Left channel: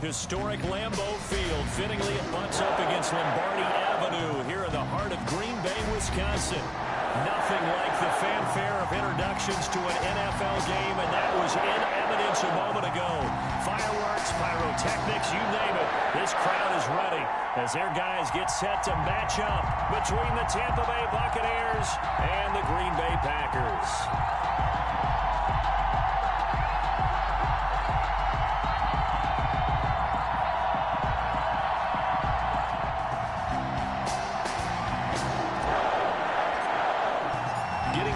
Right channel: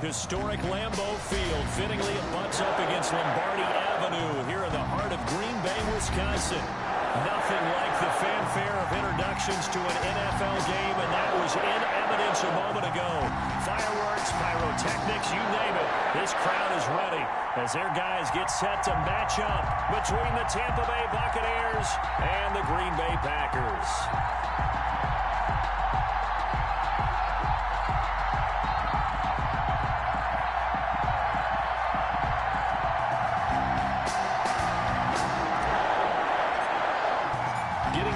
Historic Lambeau Field. Fittingly, it butts up against Lombardi Avenue here in the heart of Green Bay, Wisconsin. Nothing like the fanfare of introductions to an NFL game, and that was in evidence a moment ago. Fireworks, pyrotechnics, you name it. This crowd is ready as their guys get set to match up between the Tampa Bay Buccaneers and the Green Bay Packers.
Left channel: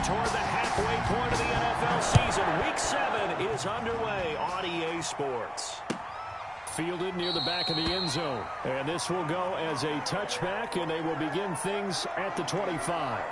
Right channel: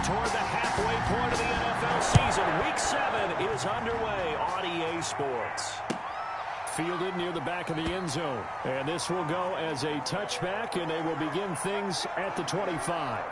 Toward the halfway point of the NFL season. Week 7 is underway on EA Sports. Fielded near the back of the end zone. And this will go as a touchback, and they will begin things at the 25.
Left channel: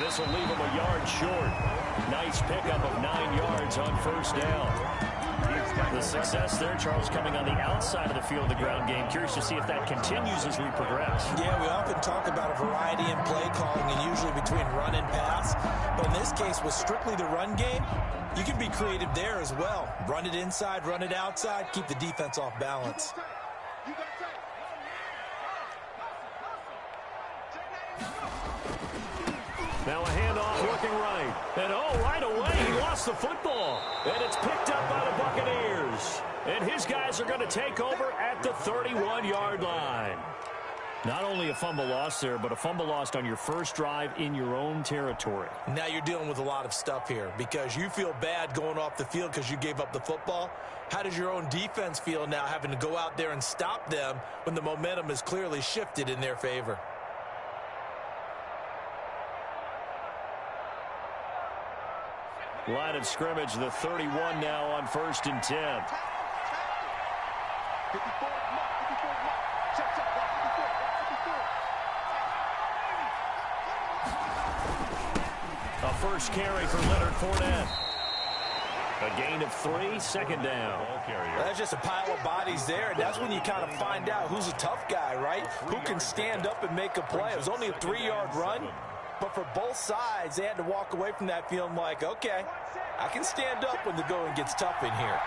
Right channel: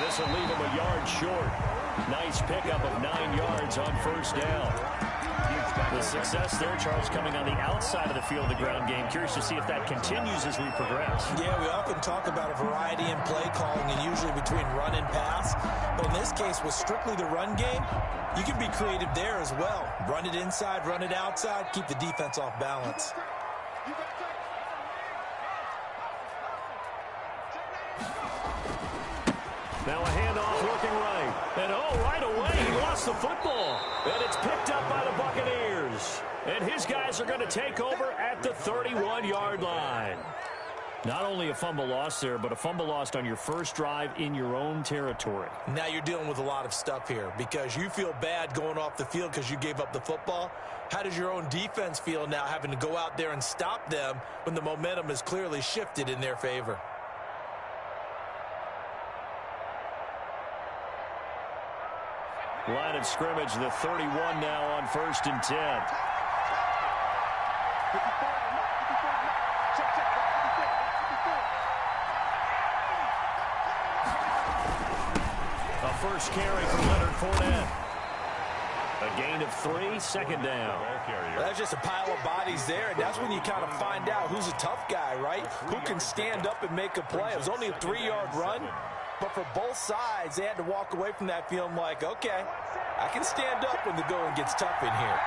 This will leave him a yard short. Nice pickup of 9 yards on first down. The success there, Charles, coming on the outside of the field of the ground game. Curious to see if that continues as we progress. Yeah, we often talk about a variety in play calling and usually between run and pass. But in this case, with strictly the run game, you can be creative there as well. Run it inside, run it outside, keep the defense off balance. Now a handoff looking right. And right away, he lost the football. And it's picked up by the Buccaneers. And his guys are going to take over at the 31-yard line. Not only a fumble loss there, but a fumble lost on your first drive in your own territory. Now you're dealing with a lot of stuff here because you feel bad going off the field because you gave up the football. How does your own defense feel now having to go out there and stop them when the momentum is clearly shifted in their favor? Line of scrimmage, the 31 now on 1st and 10. A first carry for Leonard Fournette. A gain of 3, second down. That's just a pile of bodies there, and that's when you kind of find out who's a tough guy, right? Who can stand up and make a play. It was only a 3-yard run. But for both sides, they had to walk away from that feeling like, okay, I can stand up when the going gets tough in here.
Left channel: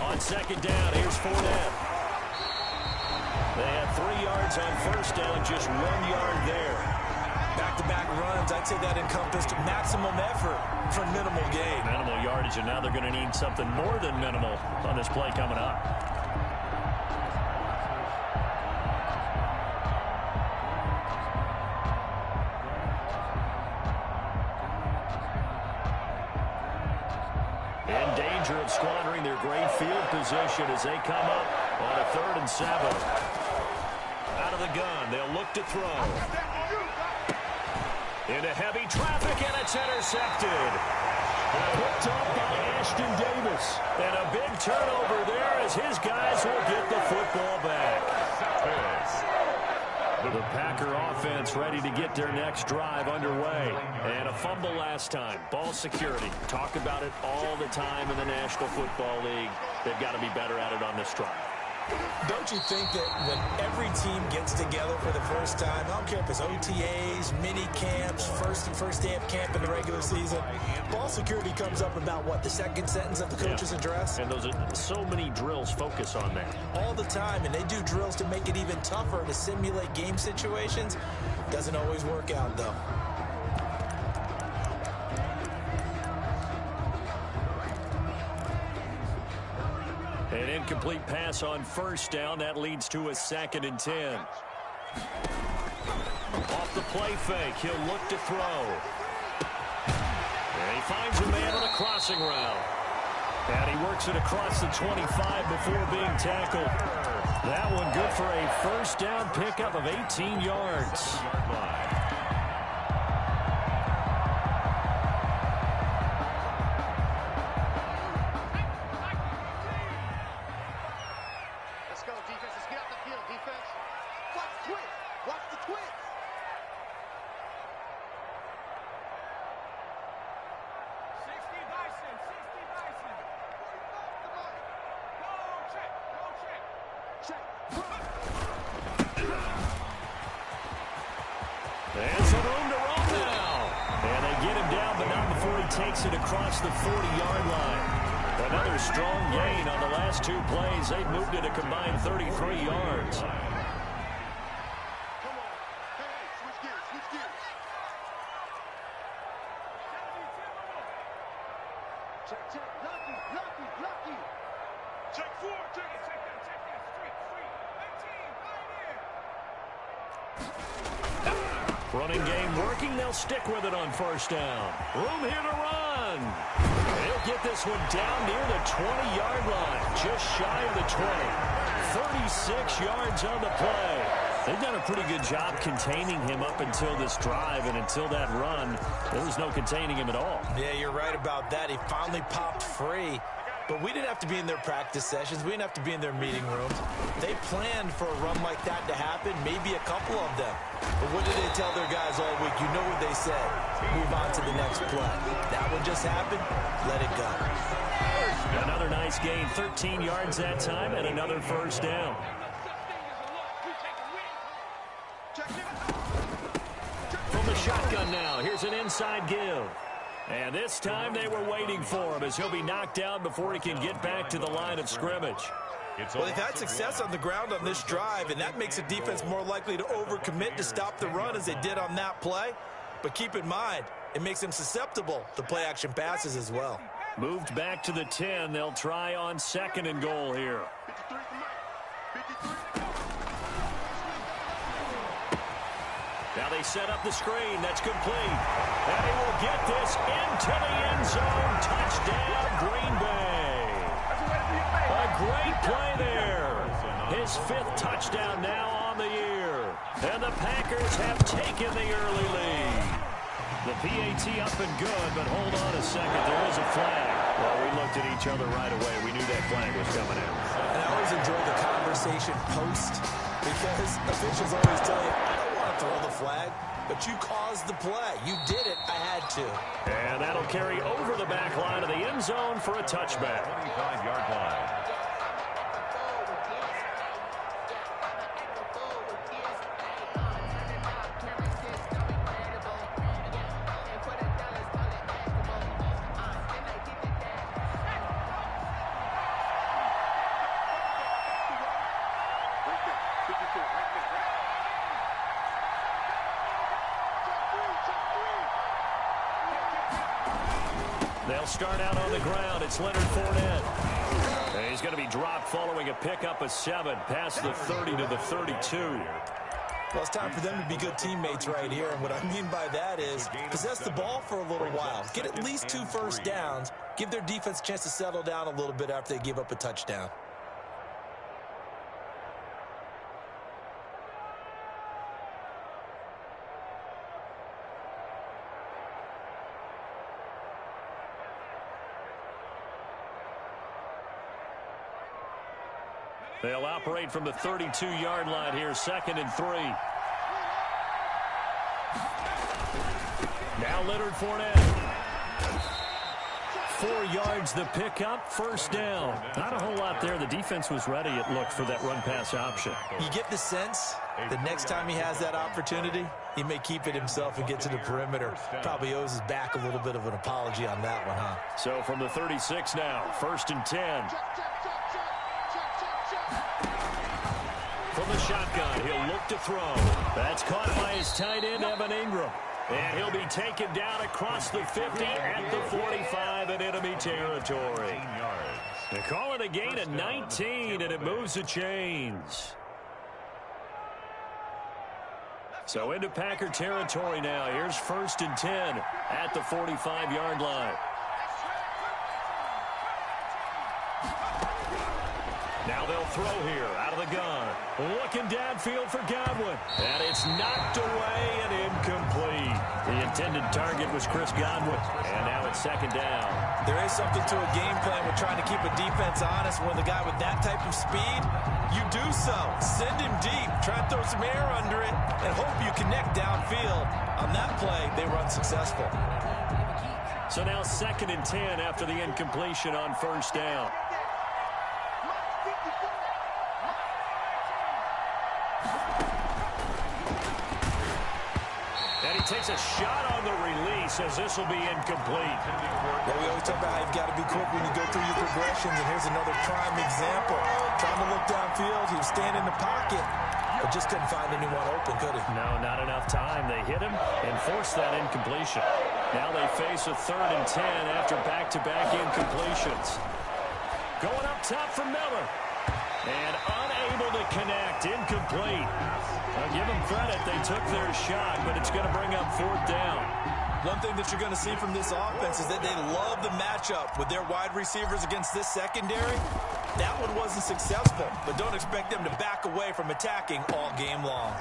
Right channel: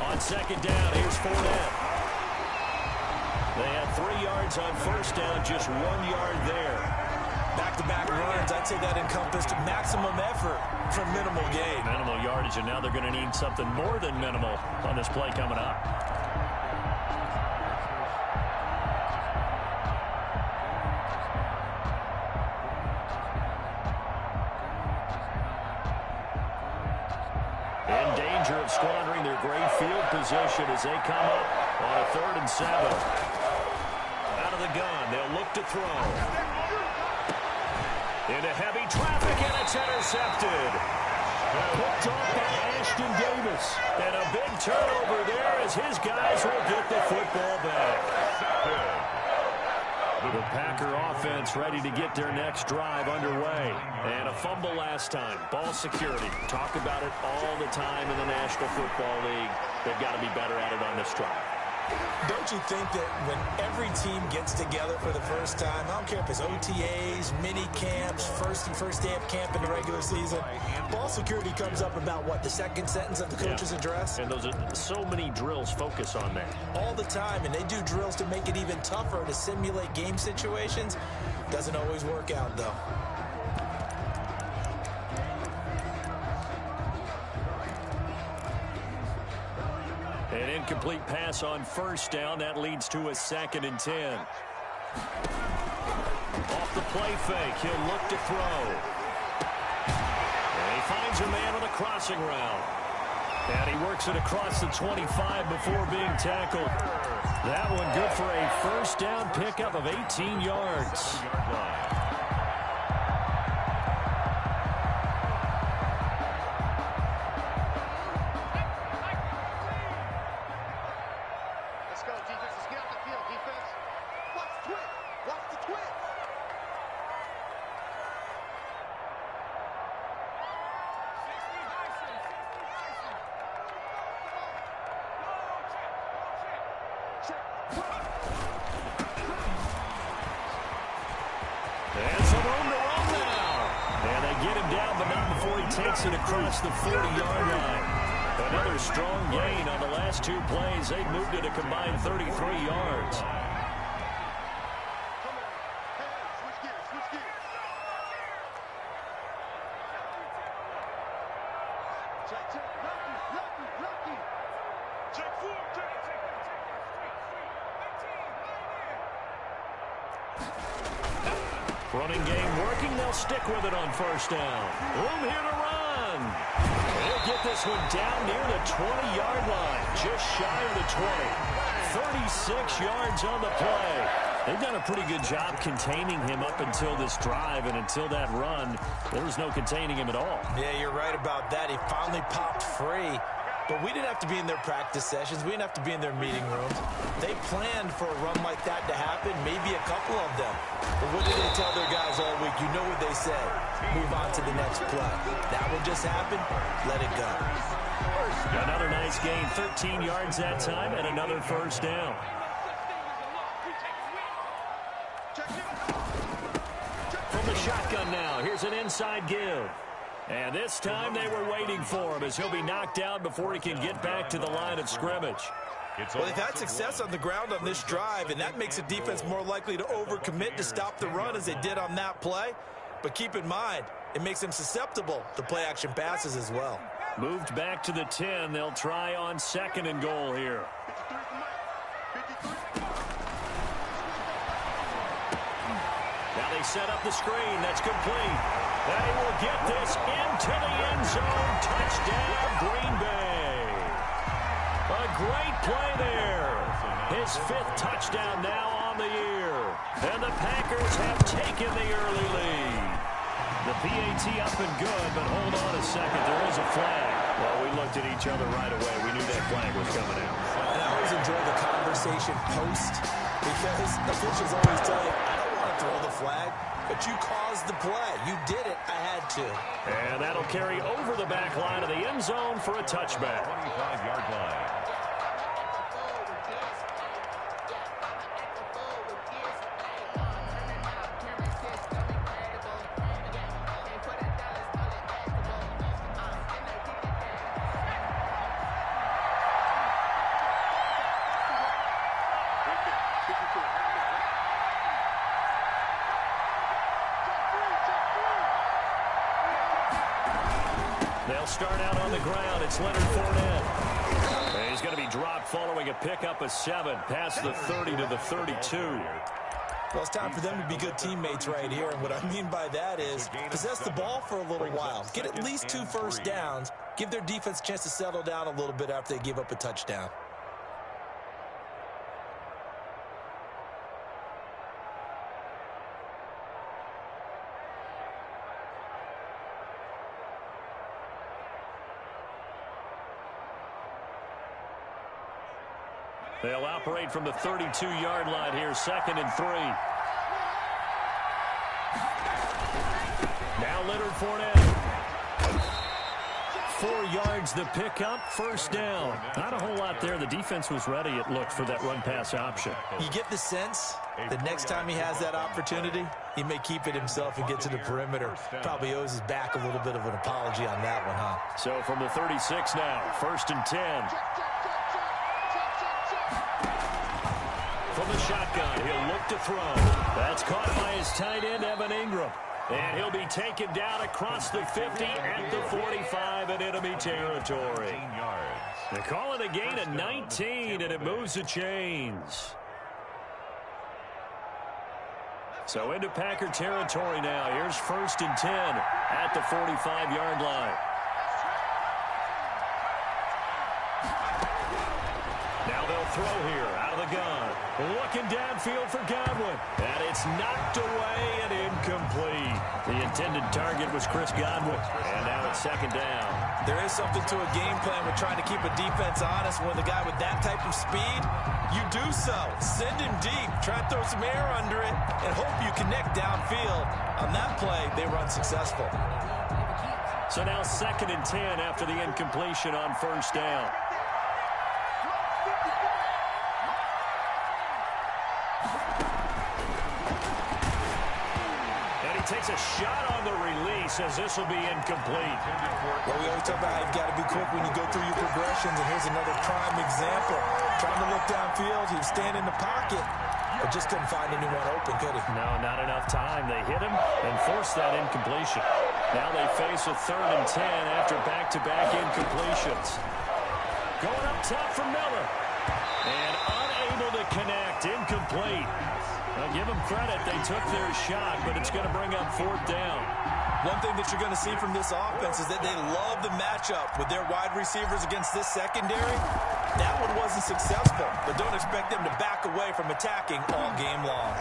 On second down, here's Fournette. They had 3 yards on first down, just 1 yard there. Back-to-back runs, I'd say that encompassed maximum effort for minimal gain. Minimal yardage, and now they're going to need something more than minimal on this play coming up. In danger of squandering their great field position as they come up on a 3rd and 7. Out of the gun, they'll look to throw. Into heavy traffic, and it's intercepted. Picked off by Ashton Davis. And a big turnover there as his guys will get the football back. The Packer offense ready to get their next drive underway. And a fumble last time. Ball security. Talk about it all the time in the National Football League. They've got to be better at it on this drive. Don't you think that when every team gets together for the first time, I don't care if it's OTAs, mini camps, first day of camp in the regular season, ball security comes up about, what, the second sentence of the coach's address? And those are so many drills focus on that. All the time, and they do drills to make it even tougher to simulate game situations. Doesn't always work out, though. An incomplete pass on first down. That leads to a 2nd and 10. Off the play fake. He'll look to throw. And he finds a man on the crossing route. And he works it across the 25 before being tackled. That one good for a first down pickup of 18 yards. Let's go, defense. Let's get out the field, defense. Watch the twins. Watch the twins. 60 Bison. 60 Bison. Go check. Go check. Check. And some room to roam now. And they get him down, but not before he takes it across the 40-yard line. Another strong gain on the last two plays. They've moved it a combined 33 yards. Come on. Hey, switch gears. Switch gears. Check, check. Lucky, lucky, lucky. Check four. Check that. Street. 19, Running game working. They'll stick with it on first down. Room here to run. He'll get this one down near the 20-yard line. Just shy of the 20. 36 yards on the play. They've done a pretty good job containing him up until this drive, and until that run, there was no containing him at all. Yeah, you're right about that. He finally popped free. But we didn't have to be in their practice sessions. We didn't have to be in their meeting rooms. They planned for a run like that to happen, maybe a couple of them. But what did they tell their guys all week? You know what they said. Move on to the next play. That one just happened. Let it go. Another nice gain, 13 yards that time, and another first down. From the shotgun now, here's an inside give. And this time they were waiting for him as he'll be knocked down before he can get back to the line of scrimmage. Well, they've had success on the ground on this drive, and that makes the defense more likely to overcommit to stop the run as they did on that play. But keep in mind, it makes them susceptible to play-action passes as well. Moved back to the 10. They'll try on 2nd and goal here. 53 for Mike. 53. Now they set up the screen. That's complete. And he will get this into the end zone. Touchdown, Green Bay. A great play there. His 5th touchdown now on the year. And the Packers have taken the early lead. The PAT up and good, but hold on a second. There is a flag. Well, we looked at each other right away. We knew that flag was coming out. And I always enjoy the conversation post because officials always tell you, I don't want to throw the flag, but you caused the play. You did it. I had to. And that'll carry over the back line of the end zone for a touchback. 25-yard line. They'll start out on the ground. It's Leonard Fournette. And he's going to be dropped following a pickup of 7 past the 30 to the 32. Well, it's time for them to be good teammates right here. And what I mean by that is possess the ball for a little while. Get at least 2 first downs. Give their defense a chance to settle down a little bit after they give up a touchdown. They'll operate from the 32-yard line here, 2nd and 3. Now Leonard Fournette. 4 yards the pickup, first down. Not a whole lot there. The defense was ready, it looked, for that run-pass option. You get the sense that next time he has that opportunity, he may keep it himself and get to the perimeter. Probably owes his back a little bit of an apology on that one, huh? So from the 36 now, 1st and 10. From the shotgun, he'll look to throw. That's caught by his tight end, Evan Ingram. And he'll be taken down across the 50 at the 45 in enemy territory. They call it a gain of 19, and it moves the chains. So into Packer territory now. Here's 1st and 10 at the 45-yard line. Now they'll throw here out of the gun. Looking downfield for Godwin. And it's knocked away and incomplete. The intended target was Chris Godwin. And now it's second down. There is something to a game plan with trying to keep a defense honest. When the guy with that type of speed, you do so. Send him deep. Try and throw some air under it and hope you connect downfield. On that play, they run successful. So now 2nd and 10 after the incompletion on first down. And he takes a shot on the release as this will be incomplete. Yeah, we always talk about how you've got to be quick when you go through your progressions, and here's another prime example. Trying to look downfield, he was standing in the pocket, but just couldn't find anyone open, could he? No, not enough time. They hit him and forced that incompletion. Now they face a 3rd and 10 after back-to-back incompletions. Going up top for Miller. And unable to connect. Incomplete. I'll give them credit. They took their shot, but it's going to bring up 4th down. One thing that you're going to see from this offense is that they love the matchup with their wide receivers against this secondary. That one wasn't successful, but don't expect them to back away from attacking all game long.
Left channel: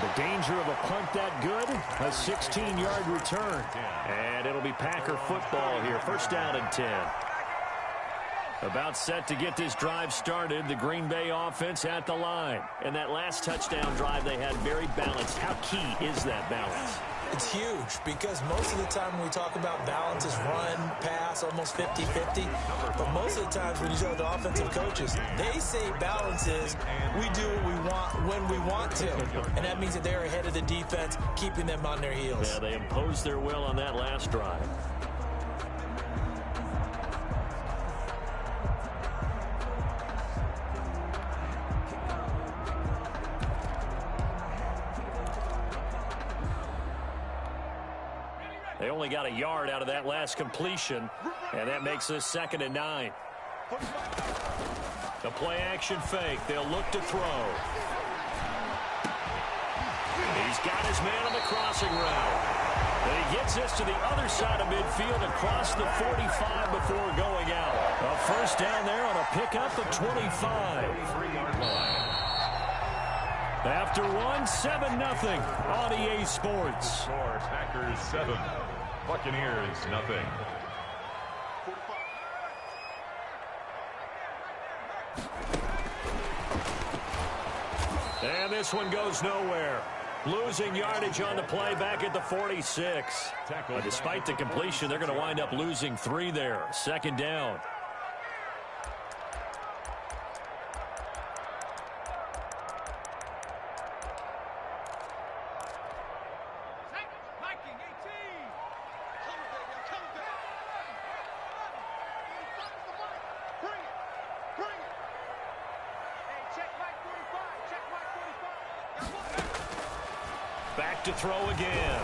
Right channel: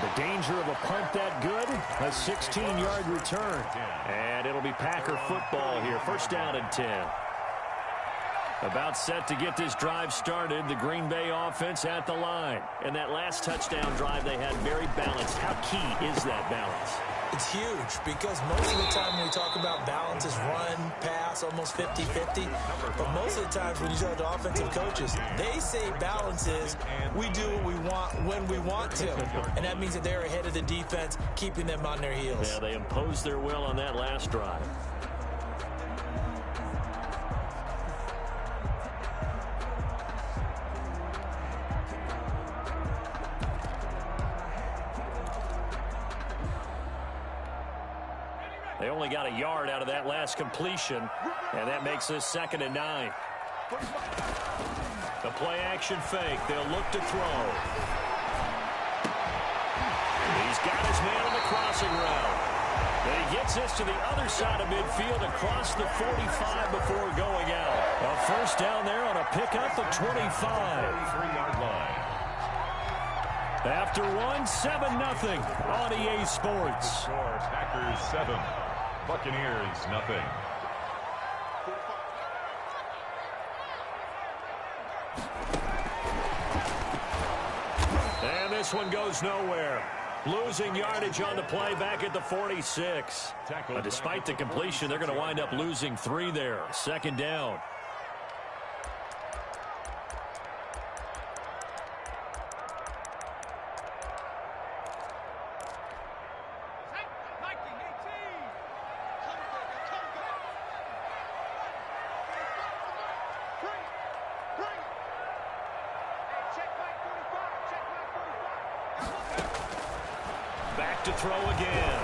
The danger of a punt that good, a 16-yard return. And it'll be Packer football here. First down and 10. About set to get this drive started, the Green Bay offense at the line. And that last touchdown drive they had very balanced. How key is that balance? It's huge because most of the time when we talk about balance is run, pass, almost 50-50. But most of the times when you talk to offensive coaches, they say balance is we do what we want when we want to. And that means that they're ahead of the defense, keeping them on their heels. Yeah, they imposed their will on that last drive. They only got a yard out of that last completion, and that makes this 2nd and 9. The play action fake. They'll look to throw. He's got his man on the crossing route. Then he gets this to the other side of midfield across the 45 before going out. A first down there on a pickup of 25. 3-yard line. After 7-0 on EA Sports. Score, Packers 7, Buccaneers 0. And this one goes nowhere. Losing yardage on the play back at the 46. Despite the completion, they're going to wind up losing 3 there. 2nd down. Back to throw again.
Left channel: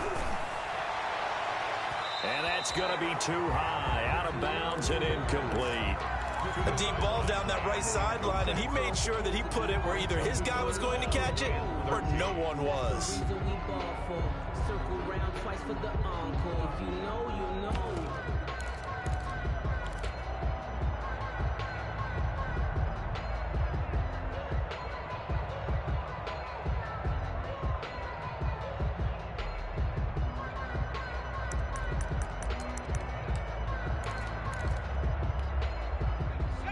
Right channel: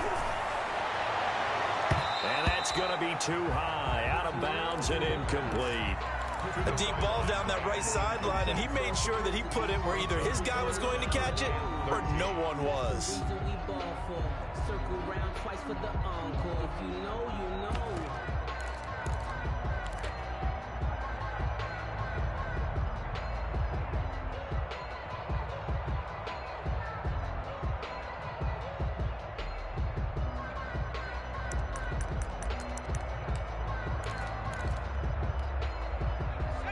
And that's going to be too high. Out of bounds and incomplete. A deep ball down that right sideline, and he made sure that he put it where either his guy was going to catch it or no one was. Circle round twice for the encore. If you know, you know.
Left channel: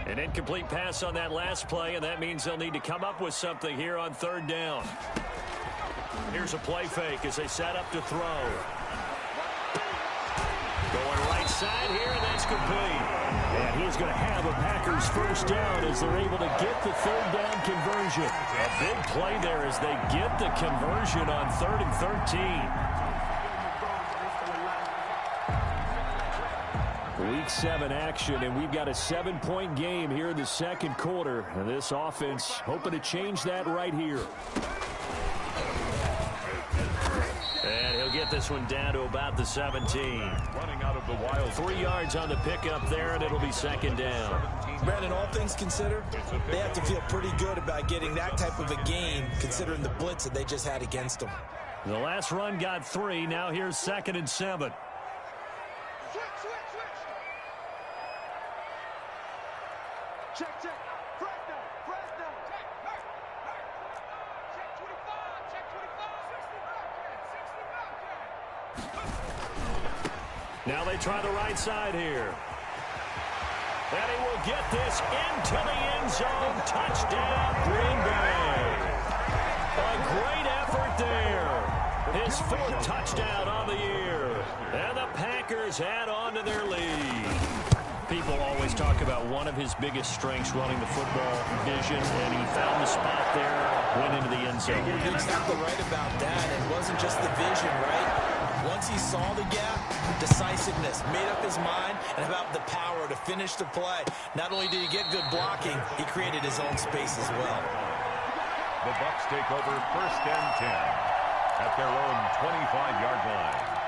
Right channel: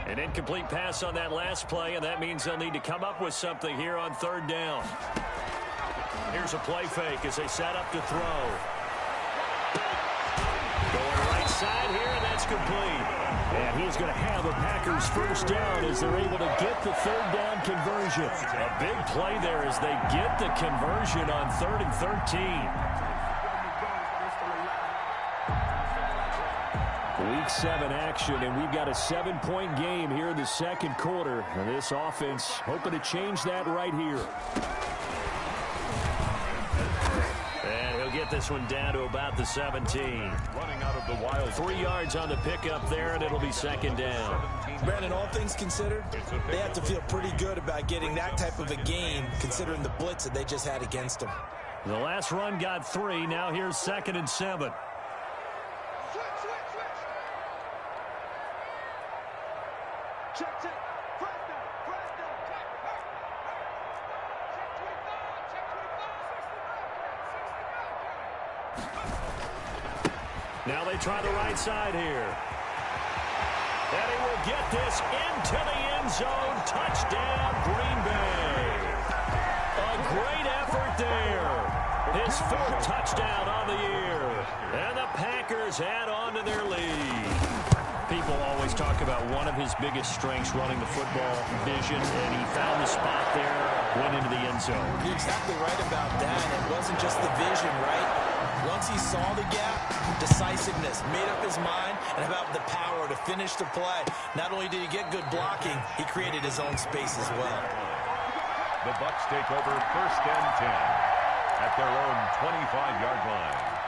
An incomplete pass on that last play, and that means they'll need to come up with something here on 3rd down. Here's a play fake as they set up to throw. Going right side here, and that's complete. And he's going to have a Packers first down as they're able to get the 3rd down conversion. A big play there as they get the conversion on 3rd and 13. Week 7 action, and we've got a 7-point game here in the 2nd quarter. And this offense hoping to change that right here. And he'll get this one down to about the 17. Running out of the wild. 3 yards on the pickup there, and it'll be 2nd down. Brandon, all things considered, they have to feel pretty good about getting that type of a game, considering the blitz that they just had against them. The last run got 3. Now here's 2nd and 7. Check, check. Fresno. Check, check 25. Check 25. 60 Bobcat. Now they try the right side here. And he will get this into the end zone. Touchdown, Green Bay. A great effort there. His fourth touchdown on the year. And the Packers add on to their lead. People always talk about one of his biggest strengths running the football, vision, and he found the spot there, went into the end zone. You're exactly right about that. It wasn't just the vision, right? Once he saw the gap, decisiveness, made up his mind, and about the power to finish the play. Not only did he get good blocking, he created his own space as well. The Bucks take over 1st and 10 at their own 25-yard line.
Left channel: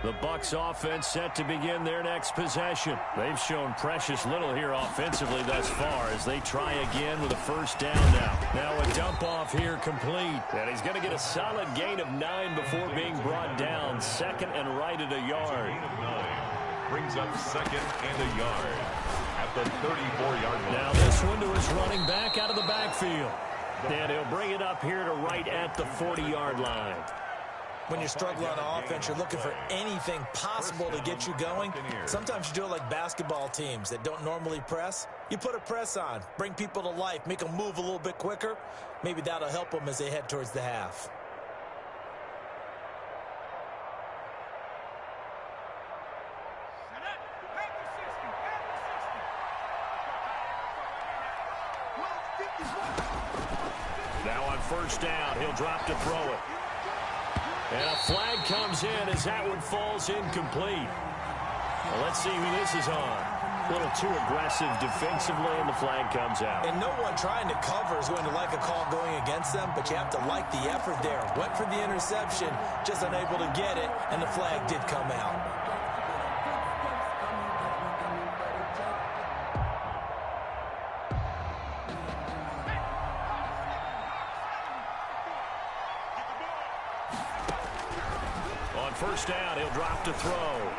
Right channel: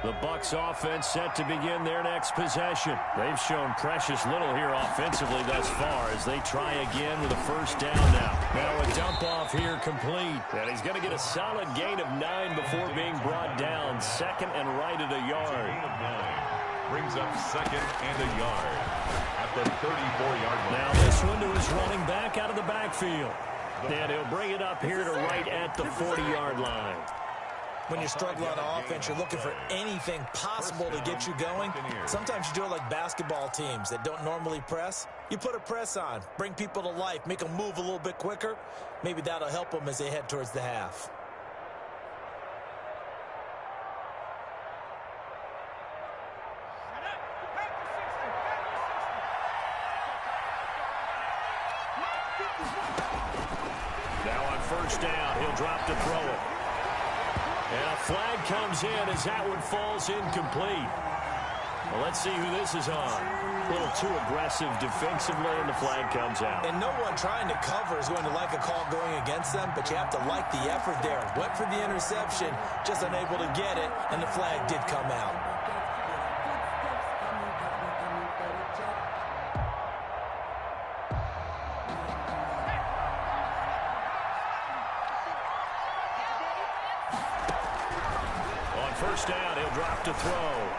The Bucks offense set to begin their next possession. They've shown precious little here offensively thus far as they try again with a first down now. Now a dump off here complete. And he's going to get a solid gain of 9 before being brought down. 2nd and right at a yard. Gain of 9 brings up 2nd and a yard at the 34-yard line. Now this one to his running back out of the backfield. And he'll bring it up here to right at the 40-yard line. When you're struggling on offense, you're looking for anything possible to get you going. Sometimes you do it like basketball teams that don't normally press. You put a press on, bring people to life, make them move a little bit quicker. Maybe that'll help them as they head towards the half. Now on first down, he'll drop to throw it. And a flag comes in as that one falls incomplete. Well, let's see who this is on. A little too aggressive defensively, and the flag comes out. And no one trying to cover is going to like a call going against them, but you have to like the effort there. Went for the interception, just unable to get it, and the flag did come out. First down, he'll drop to throw.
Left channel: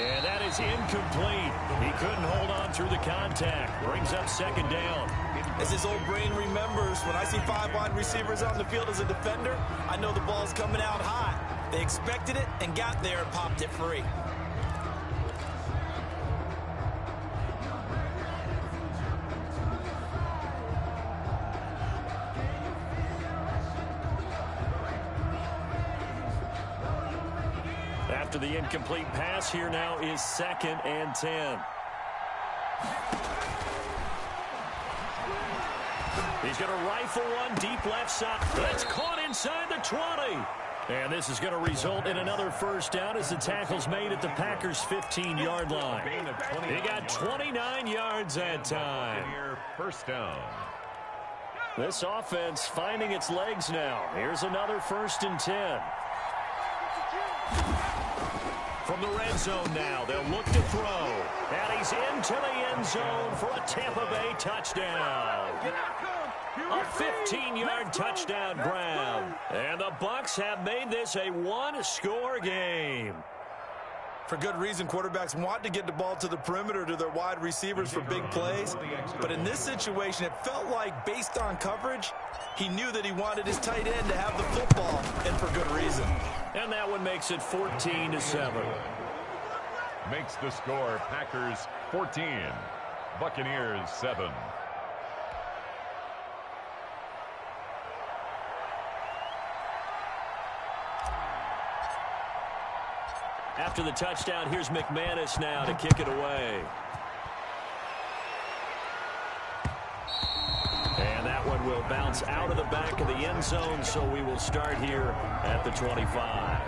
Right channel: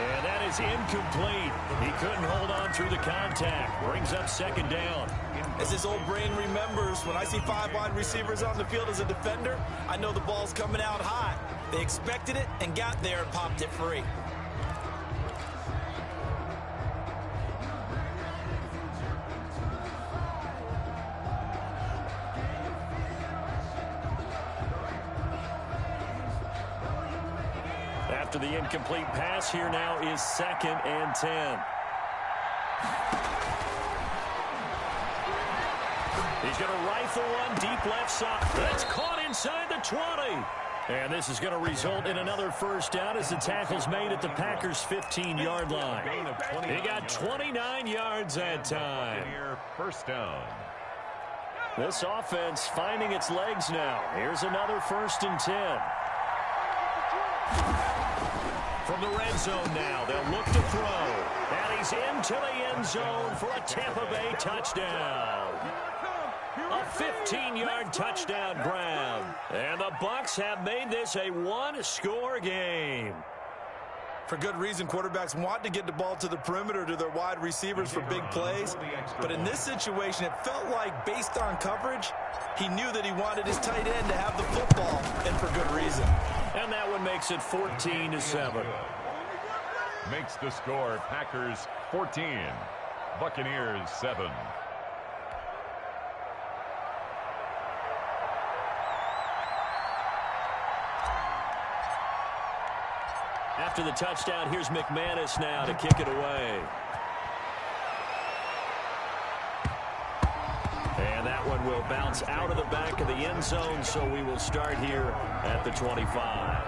And that is incomplete. He couldn't hold on through the contact. Brings up 2nd down. As his old brain remembers, when I see 5 wide receivers on the field as a defender, I know the ball's coming out hot. They expected it and got there and popped it free. After the incomplete pass, here now is 2nd and 10. He's going to rifle one deep left side. That's caught inside the 20. And this is going to result in another first down as the tackle's made at the Packers' 15-yard line. He got 29 yards that time. First down. This offense finding its legs now. Here's another 1st and 10. From the red zone now, they'll look to throw. And he's into the end zone for a Tampa Bay touchdown. A 15-yard touchdown grab. And the Bucks have made this a one-score game. For good reason, quarterbacks want to get the ball to the perimeter to their wide receivers for big plays. But in this situation, it felt like, based on coverage, he knew that he wanted his tight end to have the football, and for good reason. And that one makes it 14-7. Makes the score Packers 14, Buccaneers 7. After the touchdown, here's McManus now to kick it away. And that one will bounce out of the back of the end zone, so we will start here at the 25.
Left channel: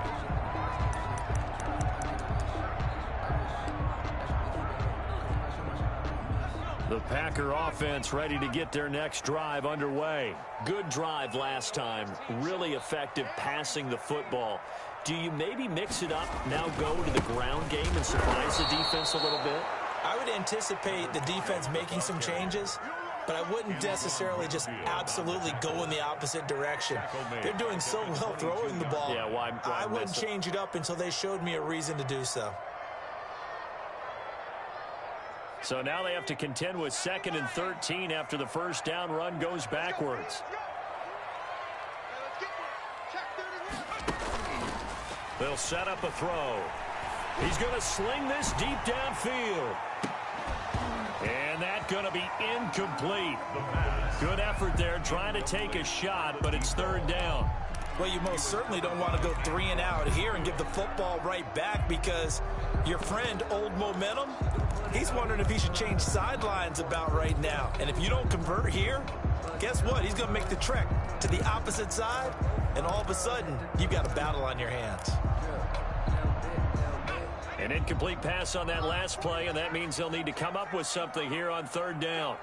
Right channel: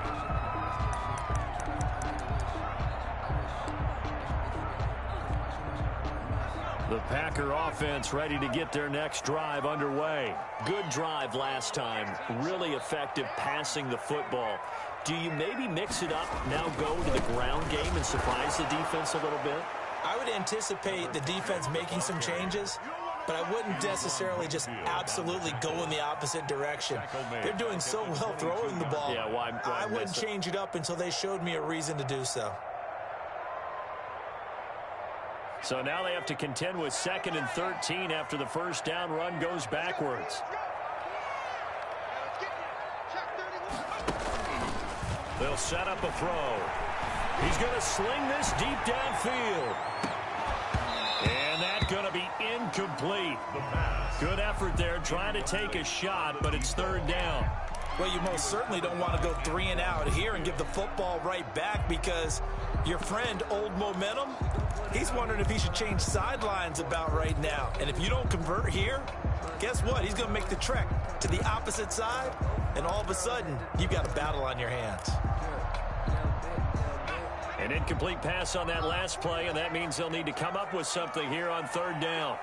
The Packer offense ready to get their next drive underway. Good drive last time. Really effective passing the football. Do you maybe mix it up, now go to the ground game and surprise the defense a little bit? I would anticipate the defense making some changes, but I wouldn't necessarily just absolutely go in the opposite direction. They're doing so well throwing the ball. Yeah, why I wouldn't change it up until they showed me a reason to do so. So now they have to contend with 2nd and 13 after the first down run goes backwards. They'll set up a throw. He's going to sling this deep downfield. And that's going to be incomplete. Good effort there trying to take a shot, but it's 3rd down. Well, you most certainly don't want to go 3 and out here and give the football right back because your friend, Old Momentum, he's wondering if he should change sidelines about right now. And if you don't convert here, guess what? He's going to make the trek to the opposite side, and all of a sudden, you've got a battle on your hands. An incomplete pass on that last play, and that means they'll need to come up with something here on 3rd down.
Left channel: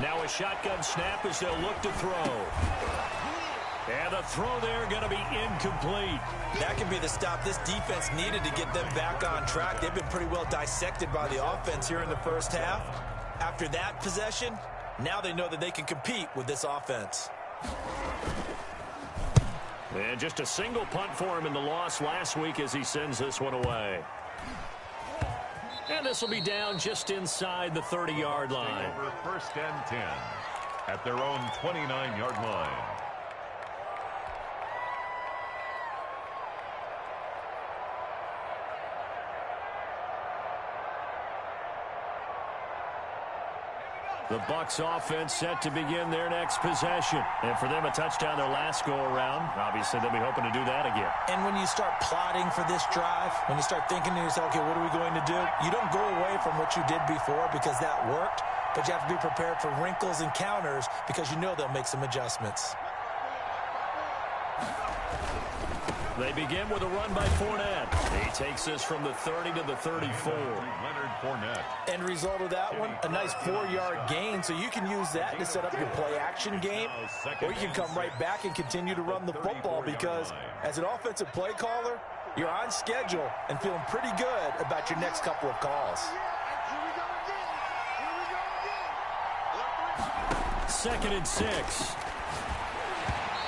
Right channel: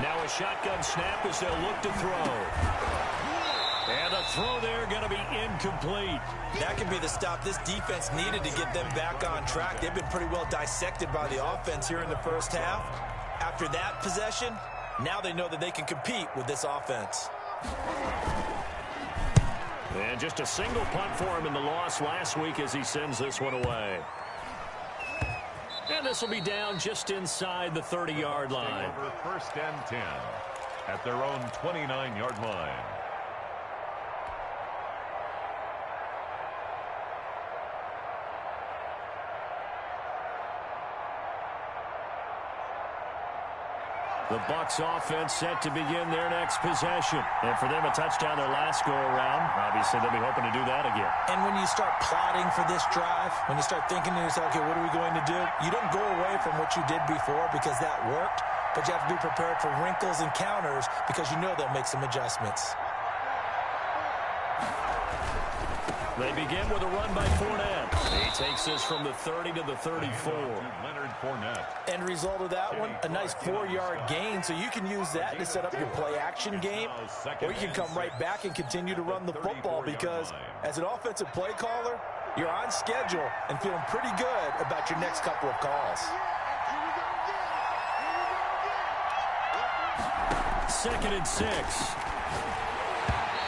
Now a shotgun snap as they'll look to throw. And the throw there going to be incomplete. That could be the stop this defense needed to get them back on track. They've been pretty well dissected by the offense here in the first half. After that possession, now they know that they can compete with this offense. And just a single punt for him in the loss last week as he sends this one away. And this will be down just inside the 30-yard line. Over 1st and 10 at their own 29-yard line. The Bucks offense set to begin their next possession. And for them, a touchdown their last go-around. Obviously, they'll be hoping to do that again. And when you start plotting for this drive, when you start thinking to yourself, okay, what are we going to do? You don't go away from what you did before because that worked, but you have to be prepared for wrinkles and counters because you know they'll make some adjustments. They begin with a run by Fournette. He takes this from the 30 to the 34. Leonard Fournette. End result of that one, a nice 4-yard gain, so you can use that to set up your play-action game, or you can come right back and continue to run the football because as an offensive play caller, you're on schedule and feeling pretty good about your next couple of calls. 2nd and 6.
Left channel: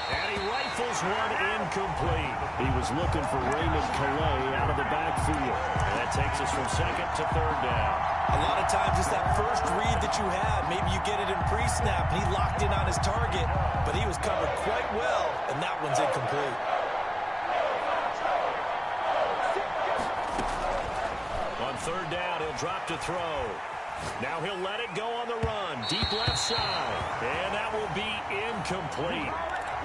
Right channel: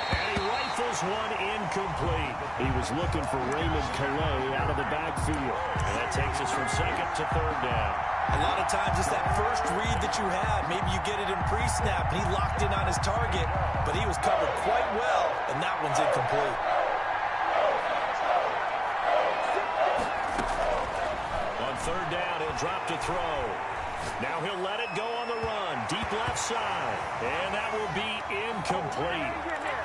And he rifles one incomplete. He was looking for Raymond Calais out of the backfield. And that takes us from 2nd to 3rd down. A lot of times it's that first read that you had. Maybe you get it in pre-snap, and he locked in on his target, but he was covered quite well, and that one's incomplete. On 3rd down, he'll drop to throw. Now he'll let it go on the run. Deep left side. And that will be incomplete.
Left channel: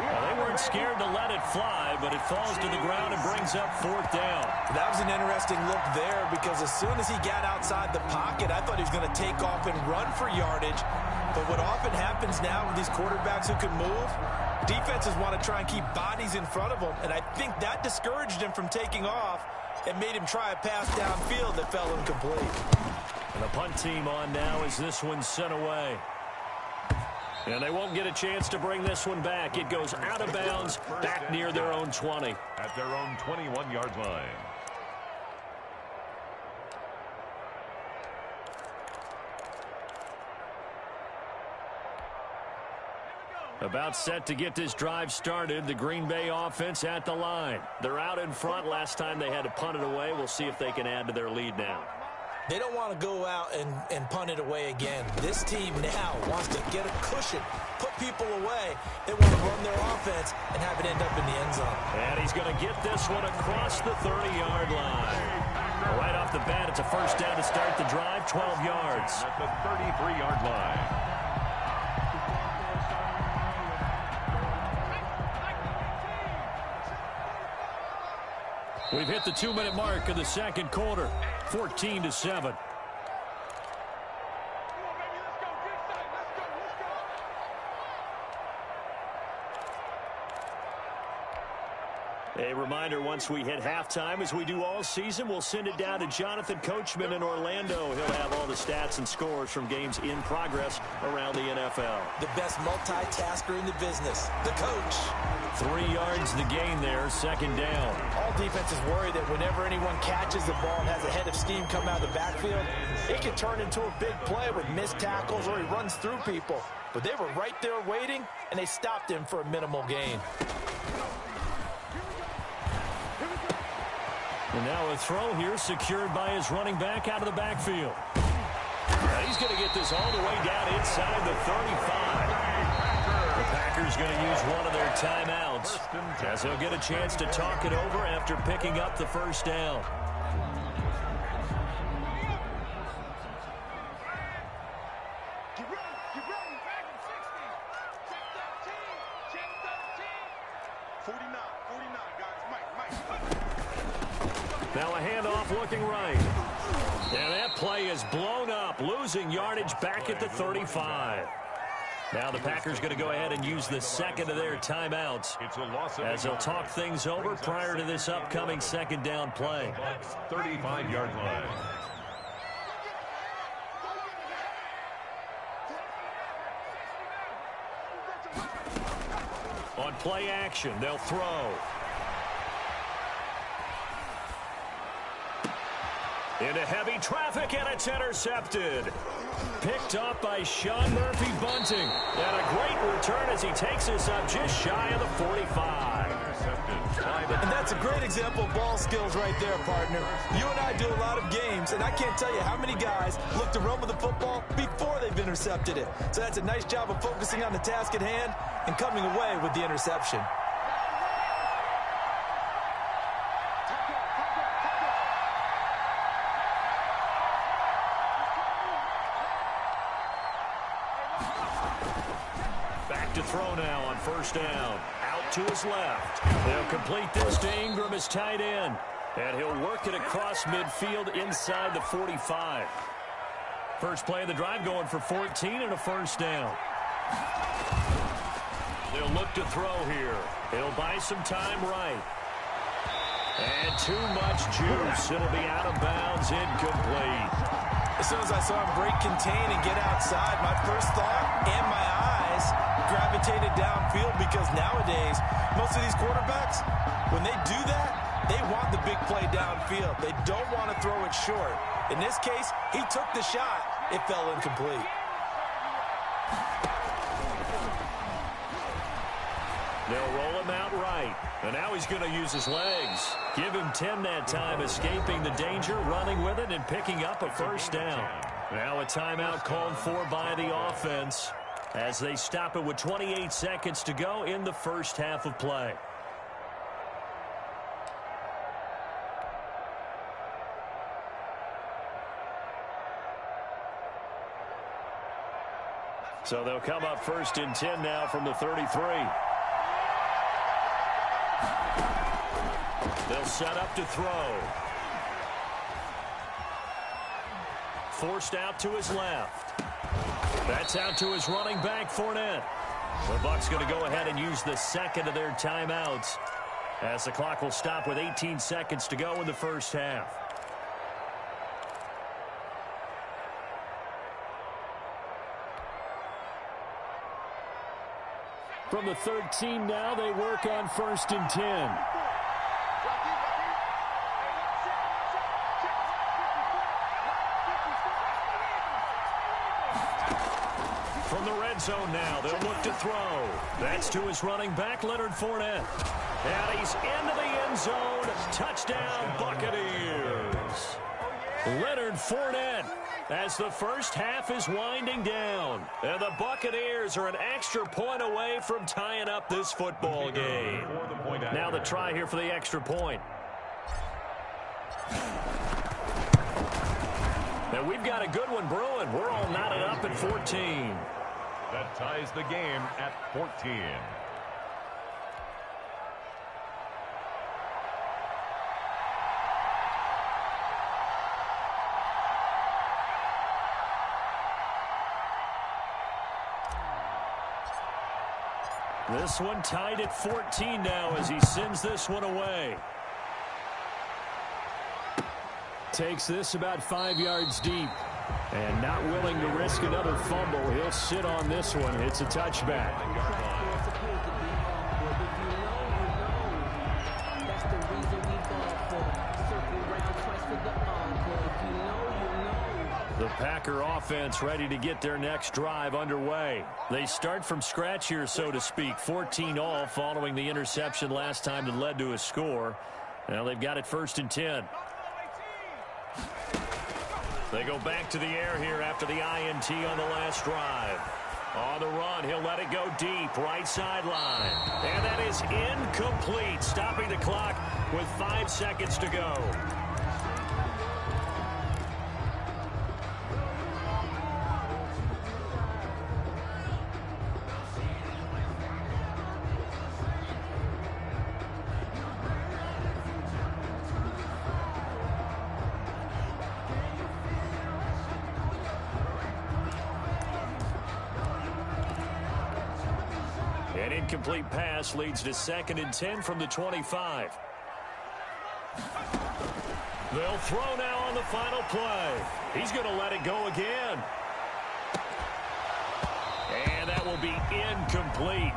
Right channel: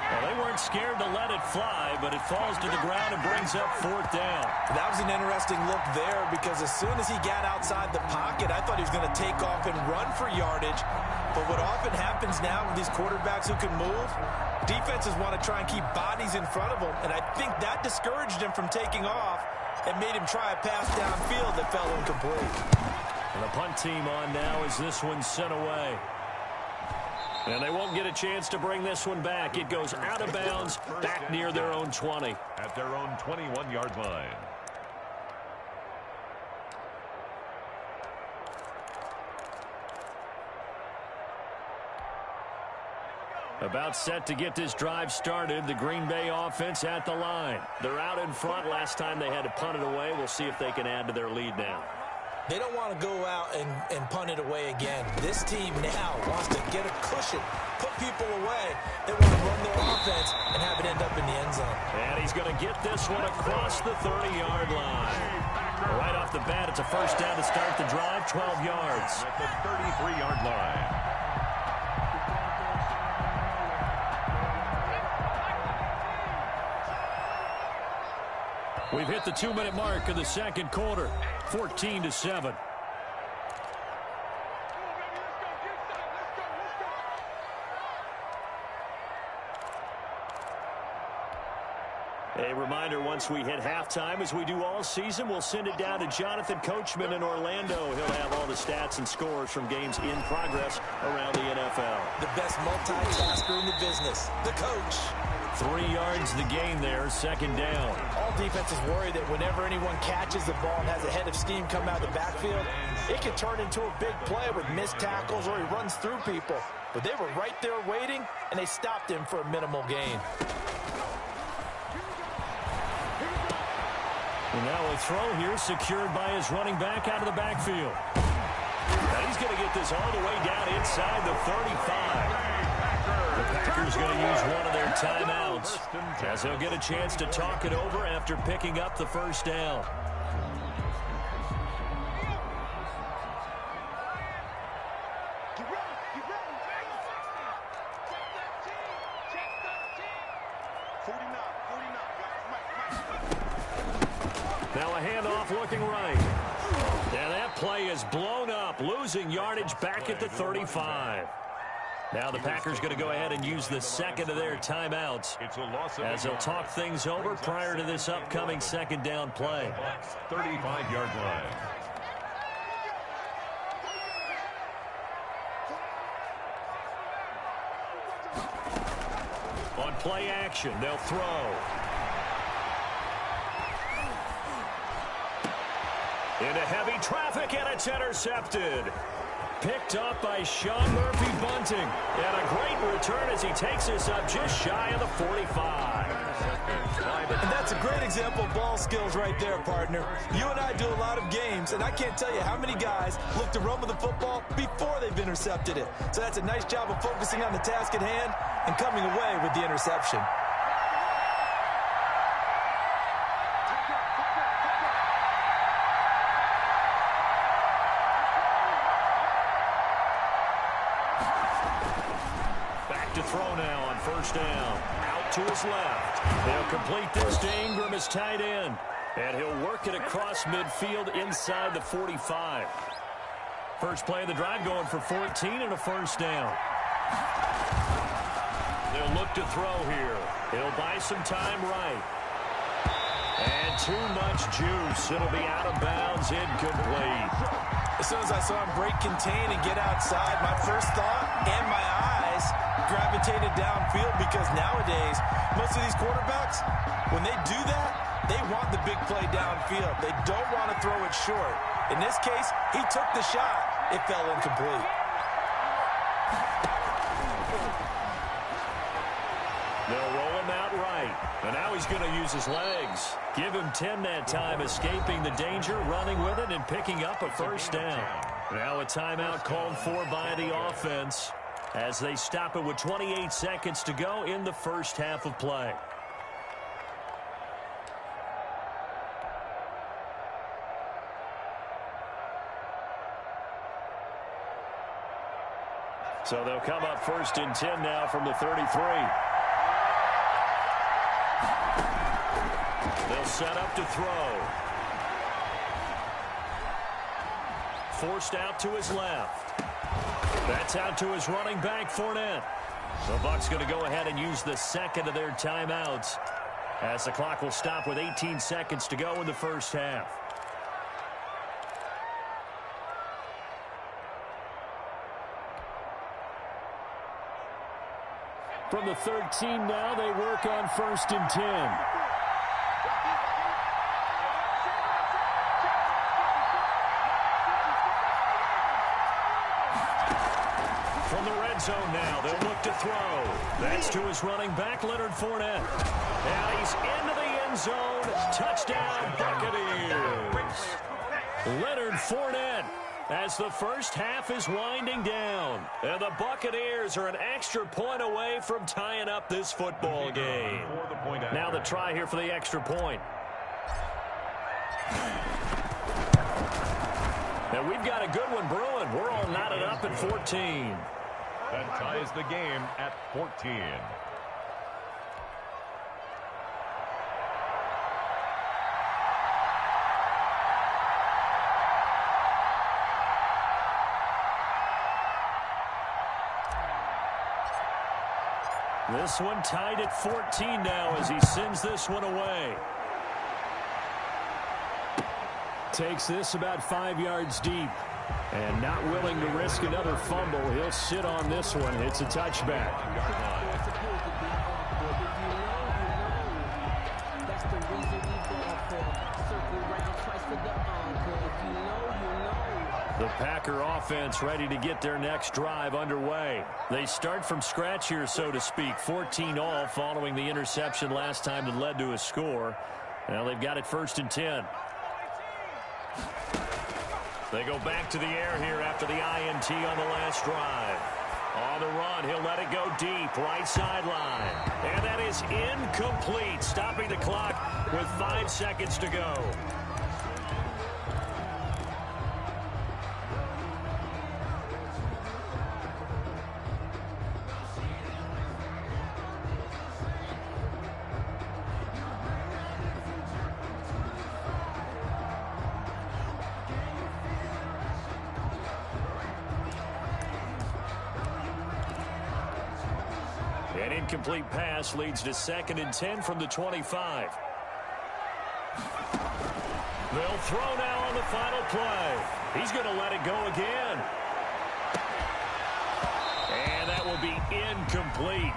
Well, they weren't scared to let it fly, but it falls to the ground and brings up 4th down. That was an interesting look there because as soon as he got outside the pocket, I thought he was going to take off and run for yardage. But what often happens now with these quarterbacks who can move, defenses want to try and keep bodies in front of them, and I think that discouraged him from taking off and made him try a pass downfield that fell incomplete. And the punt team on now as this one's sent away. And they won't get a chance to bring this one back. It goes out of bounds back near their own 20. At their own 21-yard line. About set to get this drive started. The Green Bay offense at the line. They're out in front. Last time they had to punt it away. We'll see if they can add to their lead now. They don't want to go out and punt it away again. This team now wants to get a cushion, put people away. They want to run their offense and have it end up in the end zone. And he's going to get this one across the 30-yard line. Right off the bat, it's a first down to start the drive, 12 yards. At the 33-yard line. We've hit the 2-minute mark of the second quarter, 14-7. A reminder, once we hit halftime, as we do all season, we'll send it down to Jonathan Coachman in Orlando. He'll have all the stats and scores from games in progress around the NFL. The best multitasker in the business, the coach. 3 yards the gain there, second down. All defenses worry that whenever anyone catches the ball and has a head of steam come out of the backfield, it can turn into a big play with missed tackles or he runs through people. But they were right there waiting, and they stopped him for a minimal gain. And now a throw here secured by his running back out of the backfield. And he's going to get this all the way down inside the 35. The Packers going to use one of their timeouts as they'll get a chance to talk it over after picking up the first down. Get ready, get ready. Check 13, check 13. 49, guys. Mike. Now a handoff looking right. And that play is blown up, losing yardage back at the 35. Now the Packers going to go ahead and use the second of their timeouts as they'll talk things over prior to this upcoming second down play. 35-yard line. On play action, they'll throw. Into heavy traffic, and it's intercepted. Picked up by Sean Murphy-Bunting. And a great return as he takes us up just shy of the 45. And that's a great example of ball skills right there, partner. You and I do a lot of games, and I can't tell you how many guys look to run with the football before they've intercepted it. So that's a nice job of focusing on the task at hand and coming away with the interception. Back to throw now on first down. Out to his left. They'll complete this to Ingram as tight end. And he'll work it across midfield inside the 45. First play of the drive going for 14 and a first down. They'll look to throw here. He'll buy some time right. And too much juice. It'll be out of bounds, incomplete. As soon as I saw him break contain and get outside, my first thought and my eyes gravitated downfield, because nowadays, most of these quarterbacks, when they do that, they want the big play downfield. They don't want to throw it short. In this case, he took the shot. It fell incomplete. They'll roll him out right. And now he's going to use his legs. Give him 10 that time, escaping the danger, running with it, and picking up a first down. Now a timeout called for by the offense as they stop it with 28 seconds to go in the first half of play. So they'll come up first and 10 now from the 33. They'll set up to throw. Forced out to his left. That's out to his running back, Fournette. The Bucks going to go ahead and use the second of their timeouts as the clock will stop with 18 seconds to go in the first half. From the 13 now, they work on first and 10. From the red zone now, they'll look to throw. That's to his running back, Leonard Fournette. And he's into the end zone. Touchdown, Buccaneers. Leonard Fournette, as the first half is winding down. And the Buccaneers are an extra point away from tying up this football game. Now the try here for the extra point. And we've got a good one brewing. We're all knotted up at 14. That ties the game at 14. This one tied at 14 now as he sends this one away. Takes this about 5 yards deep. And not willing to risk another fumble. He'll sit on this one. It's a touchback. That's the reason we ball for. Circle round twice for the encore. If you know, you know. The Packer offense ready to get their next drive underway. They start from scratch here, so to speak. 14 all following the interception last time that led to a score. Now they've got it 1st and 10. They go back to the air here after the INT on the last drive. On the run, he'll let it go deep, right sideline. And that is incomplete, stopping the clock with 5 seconds to go. An incomplete pass leads to 2nd and 10 from the 25. They'll throw now on the final play. He's going to let it go again. And that will be incomplete.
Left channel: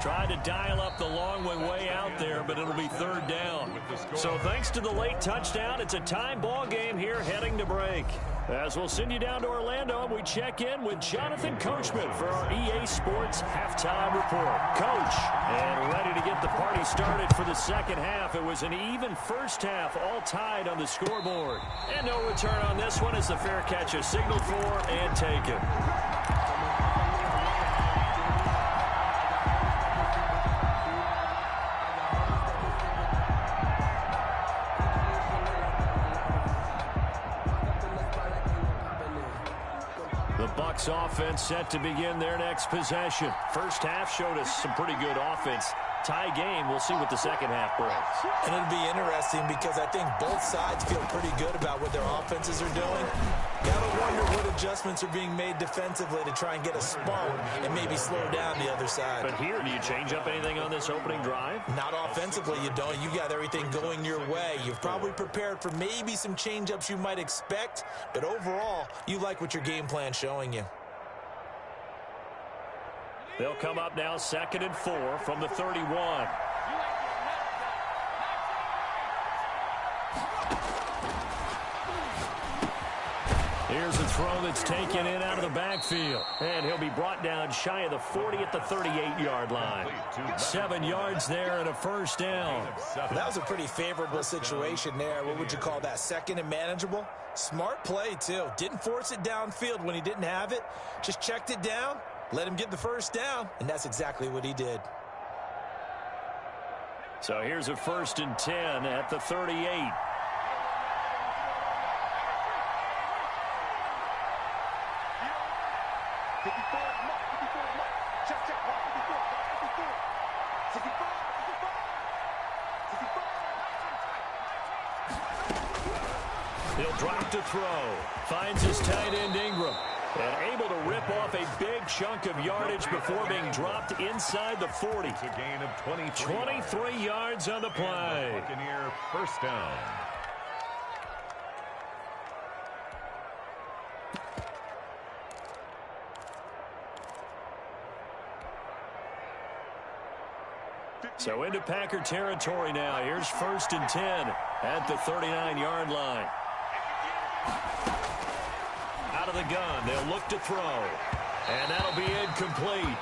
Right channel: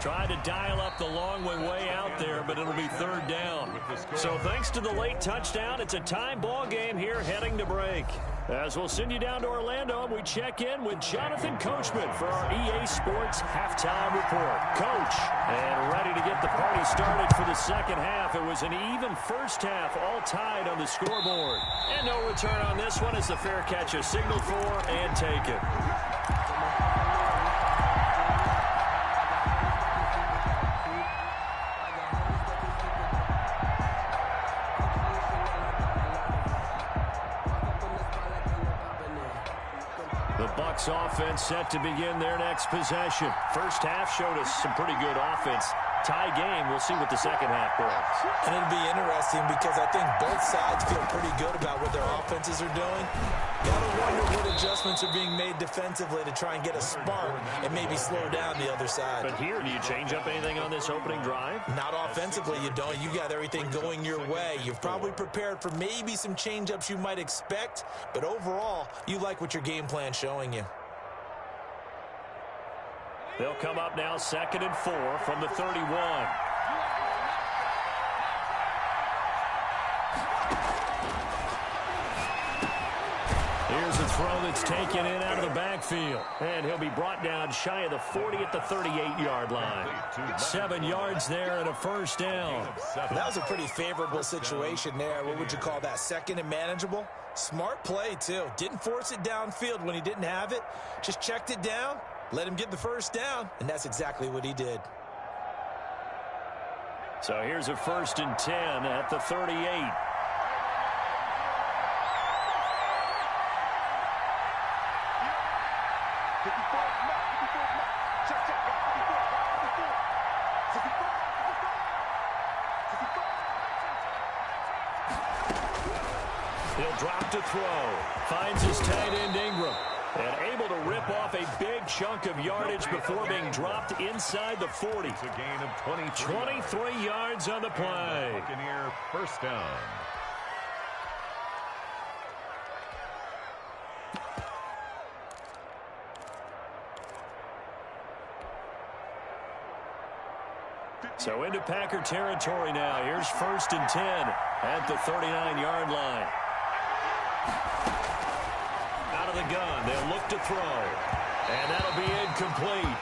Tried to dial up the long one way out there, but it'll be 3rd down. So thanks to the late touchdown, it's a time ball game here heading to break. As we'll send you down to Orlando, we check in with Jonathan Coachman for our EA Sports Halftime Report. Coach, and ready to get the party started for the second half. It was an even first half, all tied on the scoreboard. And no return on this one as the fair catch is signaled for and taken. The Bucks offense set to begin their next possession. First half showed us some pretty good offense. Tie game. We'll see what the second half brings. And it'll be interesting because I think both sides feel pretty good about what their offenses are doing. Gotta wonder what adjustments are being made defensively to try and get a spark and maybe slow down the other side. But here, do you change up anything on this opening drive? Not offensively, you don't. You got everything going your way. You've probably prepared for maybe some change-ups you might expect, but overall, you like what your game plan's showing you. They'll come up now 2nd and 4 from the 31. Here's a throw that's taken in out of the backfield. And he'll be brought down shy of the 40 at the 38-yard line. 7 yards there and a 1st down. That was a pretty favorable situation there. What would you call that? 2nd and manageable? Smart play, too. Didn't force it downfield when he didn't have it. Just checked it down. Let him get the 1st down, and that's exactly what he did. So here's a 1st and 10 at the 38. He'll drop to throw. Finds his tight end Ingram. And able to rip off a big chunk of yardage before being dropped inside the 40. It's a gain of 23 yards on the play. And the Buccaneer 1st down. So into Packer territory now. Here's 1st and 10 at the 39-yard line. Out of the gun, they'll look to throw. And that'll be incomplete.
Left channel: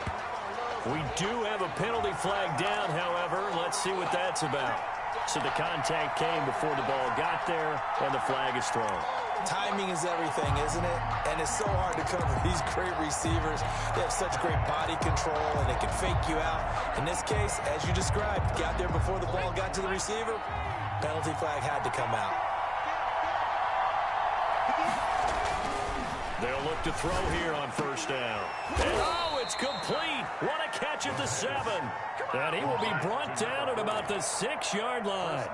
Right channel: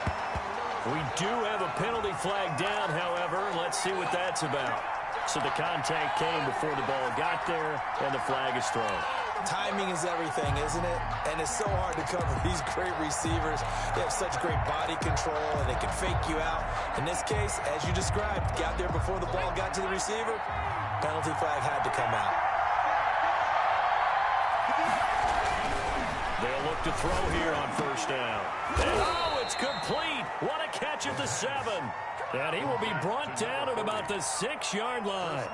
We do have a penalty flag down, however. Let's see what that's about. So the contact came before the ball got there, and the flag is thrown. Timing is everything, isn't it? And it's so hard to cover these great receivers. They have such great body control, and they can fake you out. In this case, as you described, got there before the ball got to the receiver. Penalty flag had to come out. They'll look to throw here on 1st down. And oh, it's complete. What a catch at the 7. And he will be brought down at about the 6-yard line.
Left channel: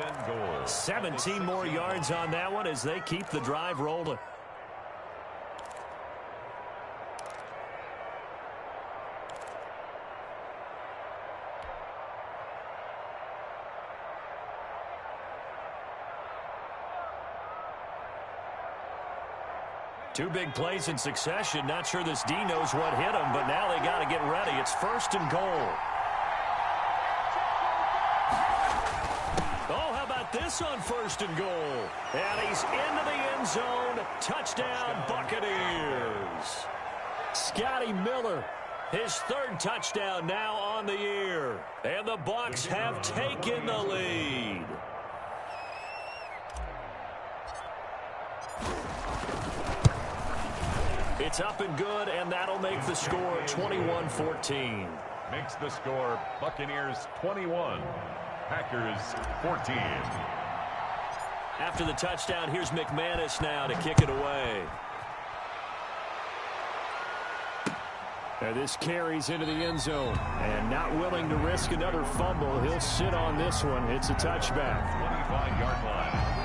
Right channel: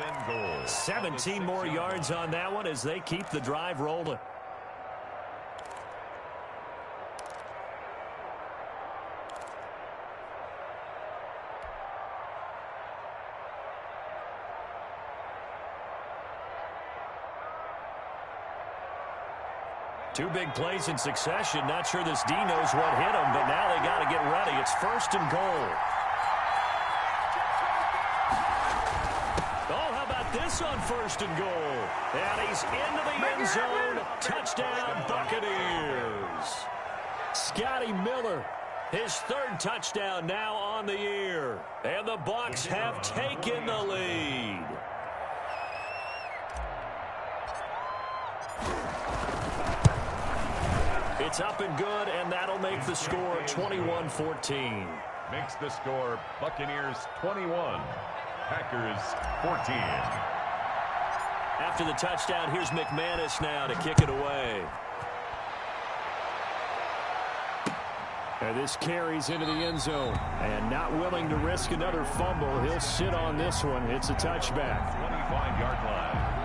17 more yards on that one as they keep the drive rolling. Two big plays in succession. Not sure this D knows what hit him, but now they got to get ready. It's 1st and goal. Oh, how about this on 1st and goal? And he's into the end zone. Touchdown, Buccaneers. Scotty Miller, his 3rd touchdown now on the year. And the Bucks have taken the lead. It's up and good, and that'll make the score 21-14. Makes the score Buccaneers 21, Packers 14. After the touchdown, here's McManus now to kick it away. And this carries into the end zone. And not willing to risk another fumble, he'll sit on this one. It's a touchback. 25-yard line.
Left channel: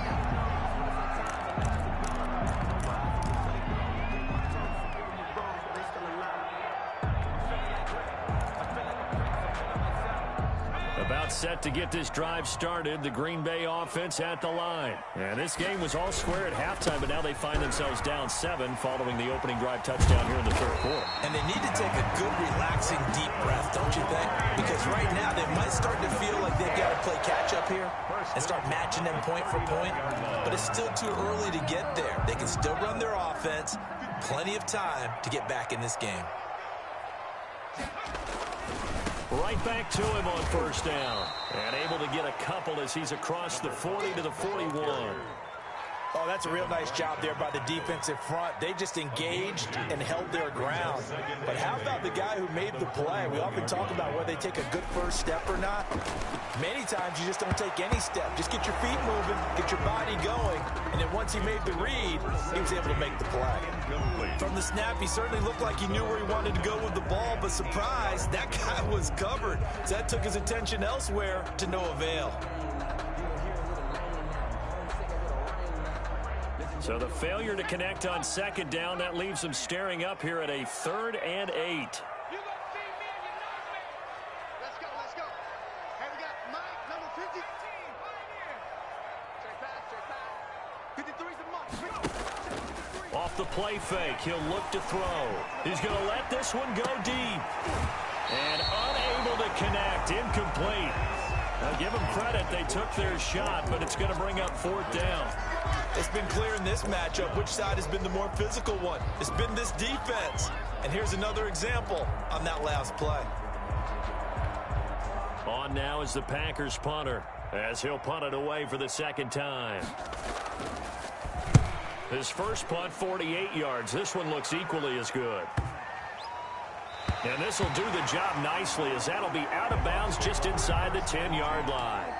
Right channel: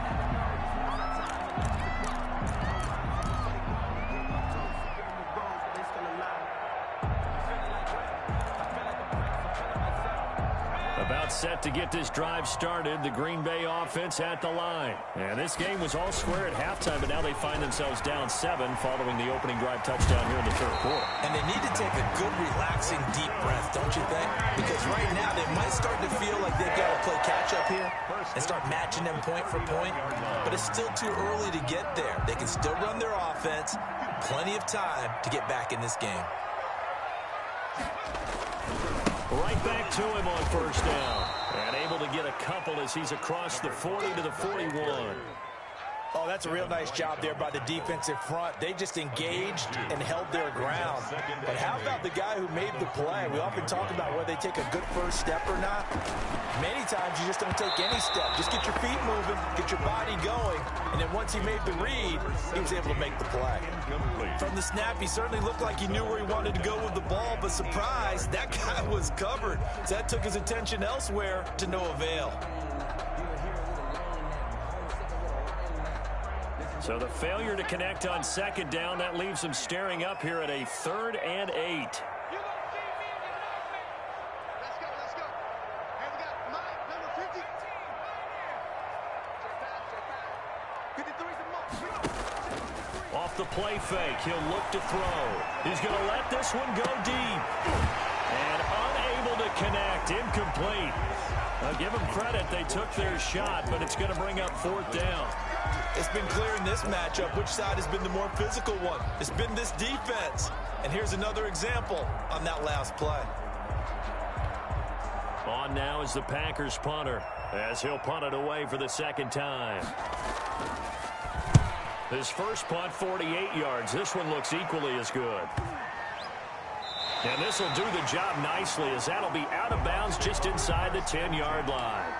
About set to get this drive started. The Green Bay offense at the line. And this game was all square at halftime, but now they find themselves down 7 following the opening drive touchdown here in the 3rd quarter. And they need to take a good, relaxing, deep breath, don't you think? Because right now they might start to feel like they've got to play catch-up here and start matching them point for point. But it's still too early to get there. They can still run their offense. Plenty of time to get back in this game. Right back to him on 1st down. And able to get a couple as he's across the 40 to the 41. Oh, that's a real nice job there by the defensive front. They just engaged and held their ground. But how about the guy who made the play? We often talk about whether they take a good first step or not. Many times you just don't take any step. Just get your feet moving, get your body going, and then once he made the read, he was able to make the play. From the snap, he certainly looked like he knew where he wanted to go with the ball, but surprise, that guy was covered. So that took his attention elsewhere to no avail. So the failure to connect on 2nd down, that leaves them staring up here at a 3rd and 8. You gonna see me and you know me. Let's go, let's go. Hey, we got Mike, number 50. Check 53's a mark. Off the play fake, he'll look to throw. He's going to let this one go deep. And unable to connect, incomplete. Now give them credit, they took their shot, but it's going to bring up 4th down. It's been clear in this matchup which side has been the more physical one. It's been this defense. And here's another example on that last play. On now is the Packers punter, as he'll punt it away for the 2nd time. His first punt, 48 yards. This one looks equally as good. And this will do the job nicely, as that'll be out of bounds just inside the 10-yard line.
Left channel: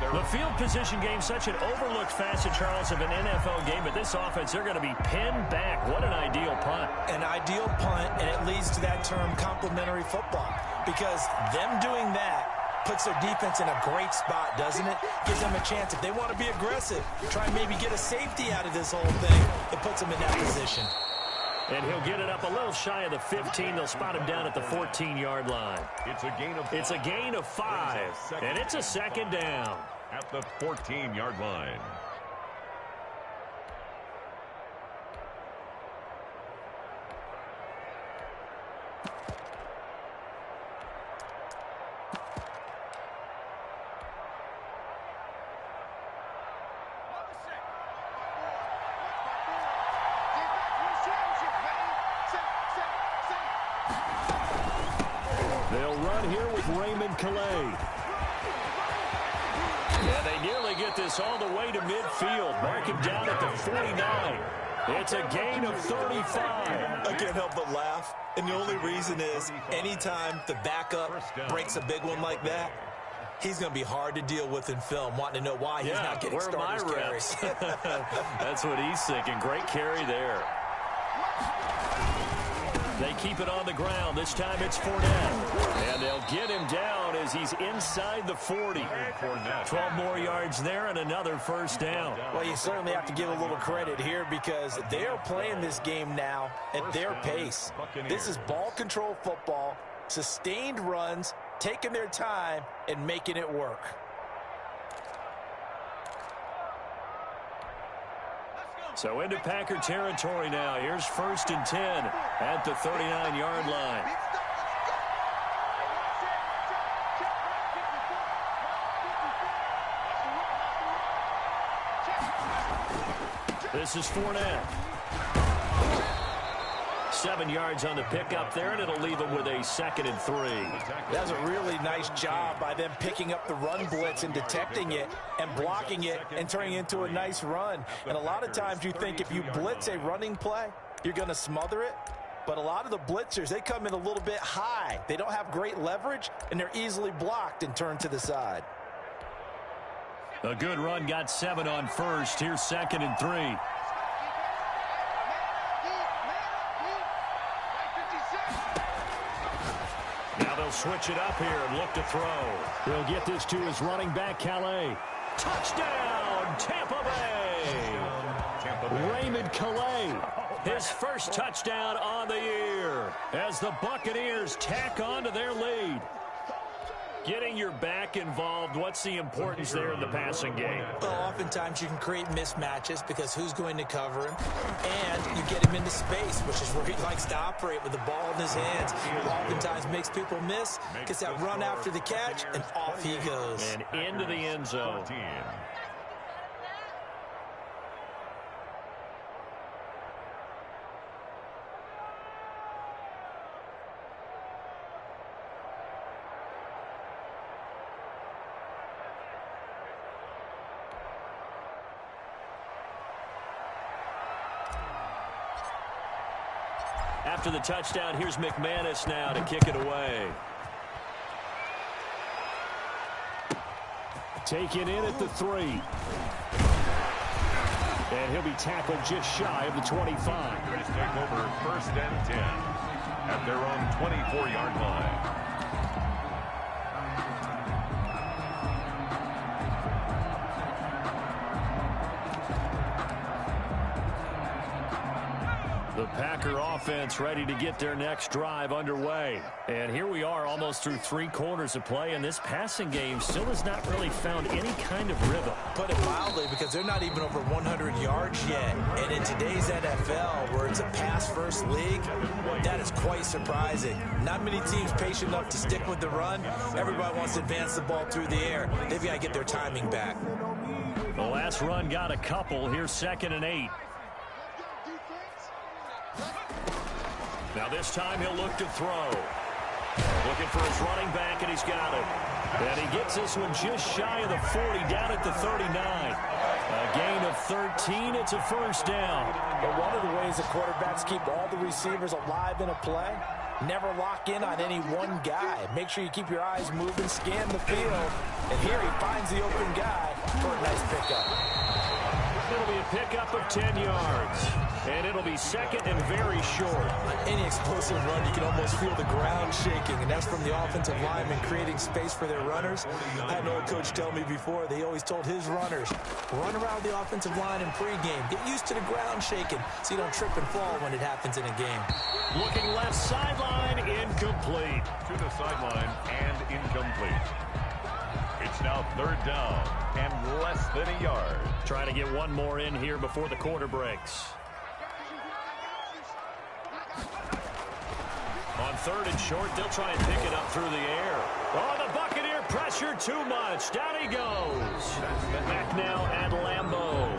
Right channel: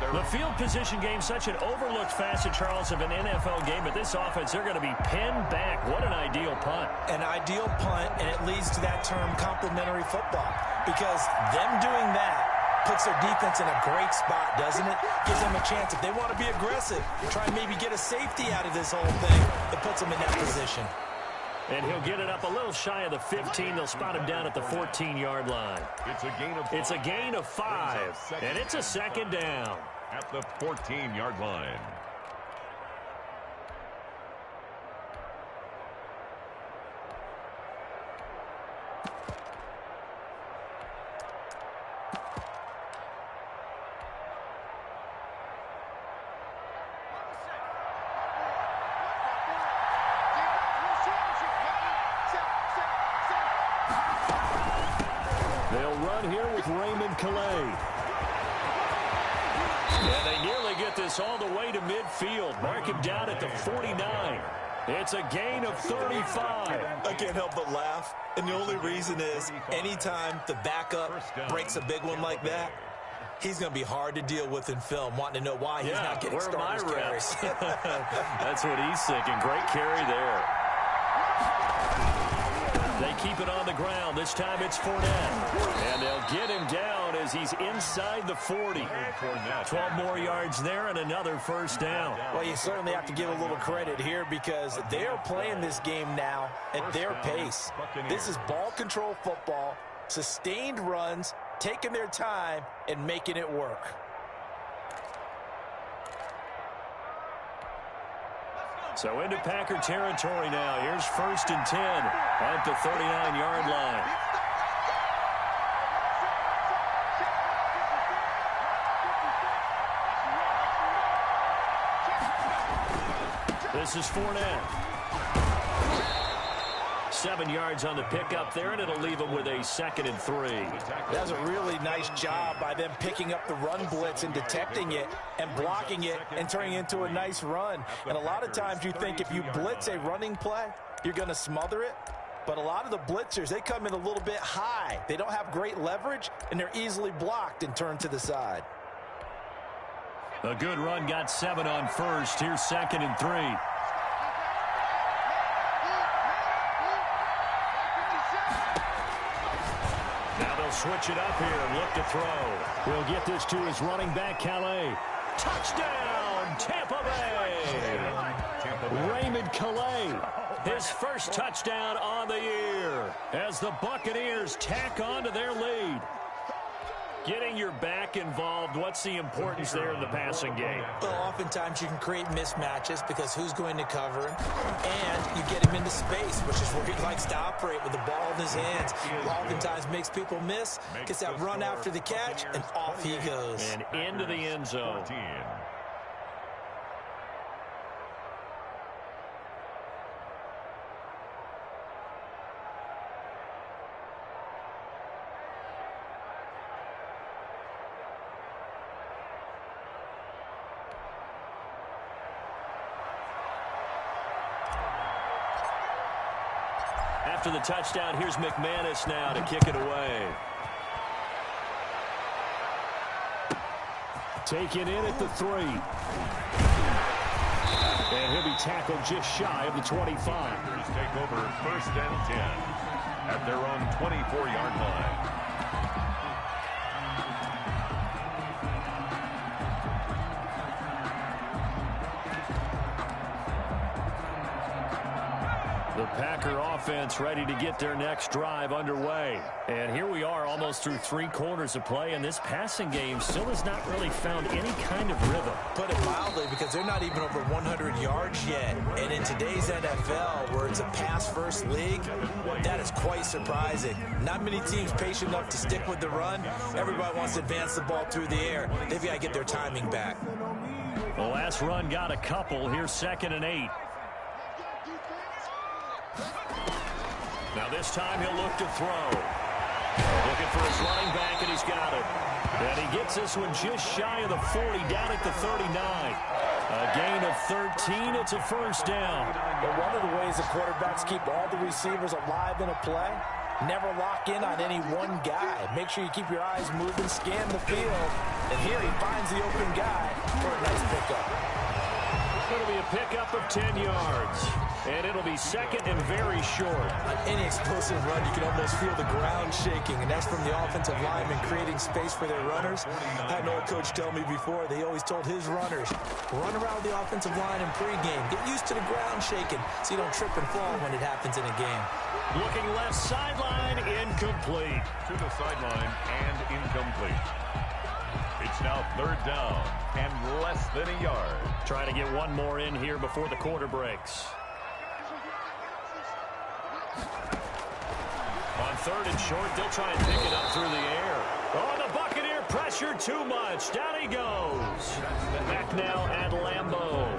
The field position game, such an overlooked facet, Charles, of an NFL game, but this offense, they're going to be pinned back. What an ideal punt. An ideal punt, and it leads to that term complementary football, because them doing that puts their defense in a great spot, doesn't it? Gives them a chance, if they want to be aggressive, try and maybe get a safety out of this whole thing, it puts them in that position. And he'll get it up a little shy of the 15. They'll spot him down at the 14-yard line. It's a gain of 5. It's a gain of 5, and it's a 2nd down. At the 14-yard line. They'll run here with Raymond Calais. And they nearly get this all the way to midfield. Mark him down at the 49. It's a gain of 35. I can't help but laugh. And the only reason is anytime the backup breaks a big one like that, he's going to be hard to deal with in film, wanting to know why he's not getting starters carries. That's what he's thinking. Great carry there. They keep it on the ground. This time it's Fournette. And they'll get him down as he's inside the 40. 12 more yards there and another 1st down. Well, you certainly have to give a little credit here because they are playing this game now at their pace. This is ball control football, sustained runs, taking their time and making it work. Let's go. So into Packer territory now. Here's 1st and 10 at the 39-yard line. This is Fournette. 7 yards on the pickup there, and it'll leave him with a 2nd and 3. That's a really nice job by them picking up the run blitz and detecting it and blocking it and turning it into a nice run. And a lot of times you think if you blitz a running play, you're going to smother it. But a lot of the blitzers, they come in a little bit high. They don't have great leverage, and they're easily blocked and turned to the side. A good run, got 7 on 1st. Here's 2nd and 3. Now they'll switch it up here and look to throw. He'll get this to his running back, Calais. Touchdown, Tampa Bay! Raymond Calais, his first touchdown on the year as the Buccaneers tack on to their lead. Getting your back involved, what's the importance there in the passing game? Well, oftentimes you can create mismatches because who's going to cover him? And you get him into space, which is where he likes to operate with the ball in his hands. Oftentimes makes people miss, gets that run after the catch, and off he goes. And into the end zone. After the touchdown, here's McManus now to kick it away. Taken in at the 3. And he'll be tackled just shy of the 25. Take over 1st and 10 at their own 24-yard line. The Packer offense ready to get their next drive underway. And here we are almost through 3 quarters of play, and this passing game still has not really found any kind of rhythm. Put it mildly, because they're not even over 100 yards yet. And in today's NFL, where it's a pass-first league, that is quite surprising. Not many teams patient enough to stick with the run. Everybody wants to advance the ball through the air. They've got to get their timing back. The last run got a couple. Here's 2nd and 8. Now this time he'll look to throw. Looking for his running back, and he's got it. And he gets this one just shy of the 40, down at the 39. A gain of 13. It's a 1st down. But one of the ways the quarterbacks keep all the receivers alive in a play, never lock in on any one guy. Make sure you keep your eyes moving, scan the field. And here he finds the open guy for a nice pickup. It'll be a pickup of 10 yards. And it'll be 2nd and very short. On any explosive run, you can almost feel the ground shaking, and that's from the offensive linemen creating space for their runners. I had an old coach tell me before, they always told his runners, run around the offensive line in pregame. Get used to the ground shaking so you don't trip and fall when it happens in a game. Looking left sideline, incomplete. To the sideline and incomplete. It's now 3rd down and less than a yard. Trying to get one more in here before the quarter breaks. On 3rd and short, they'll try and pick it up through the air. Oh, the Buccaneer pressure too much. Down he goes. Back now at Lambeau.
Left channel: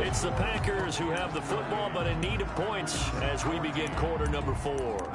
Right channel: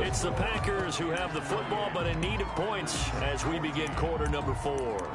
It's the Packers who have the football, but in need of points as we begin quarter number 4.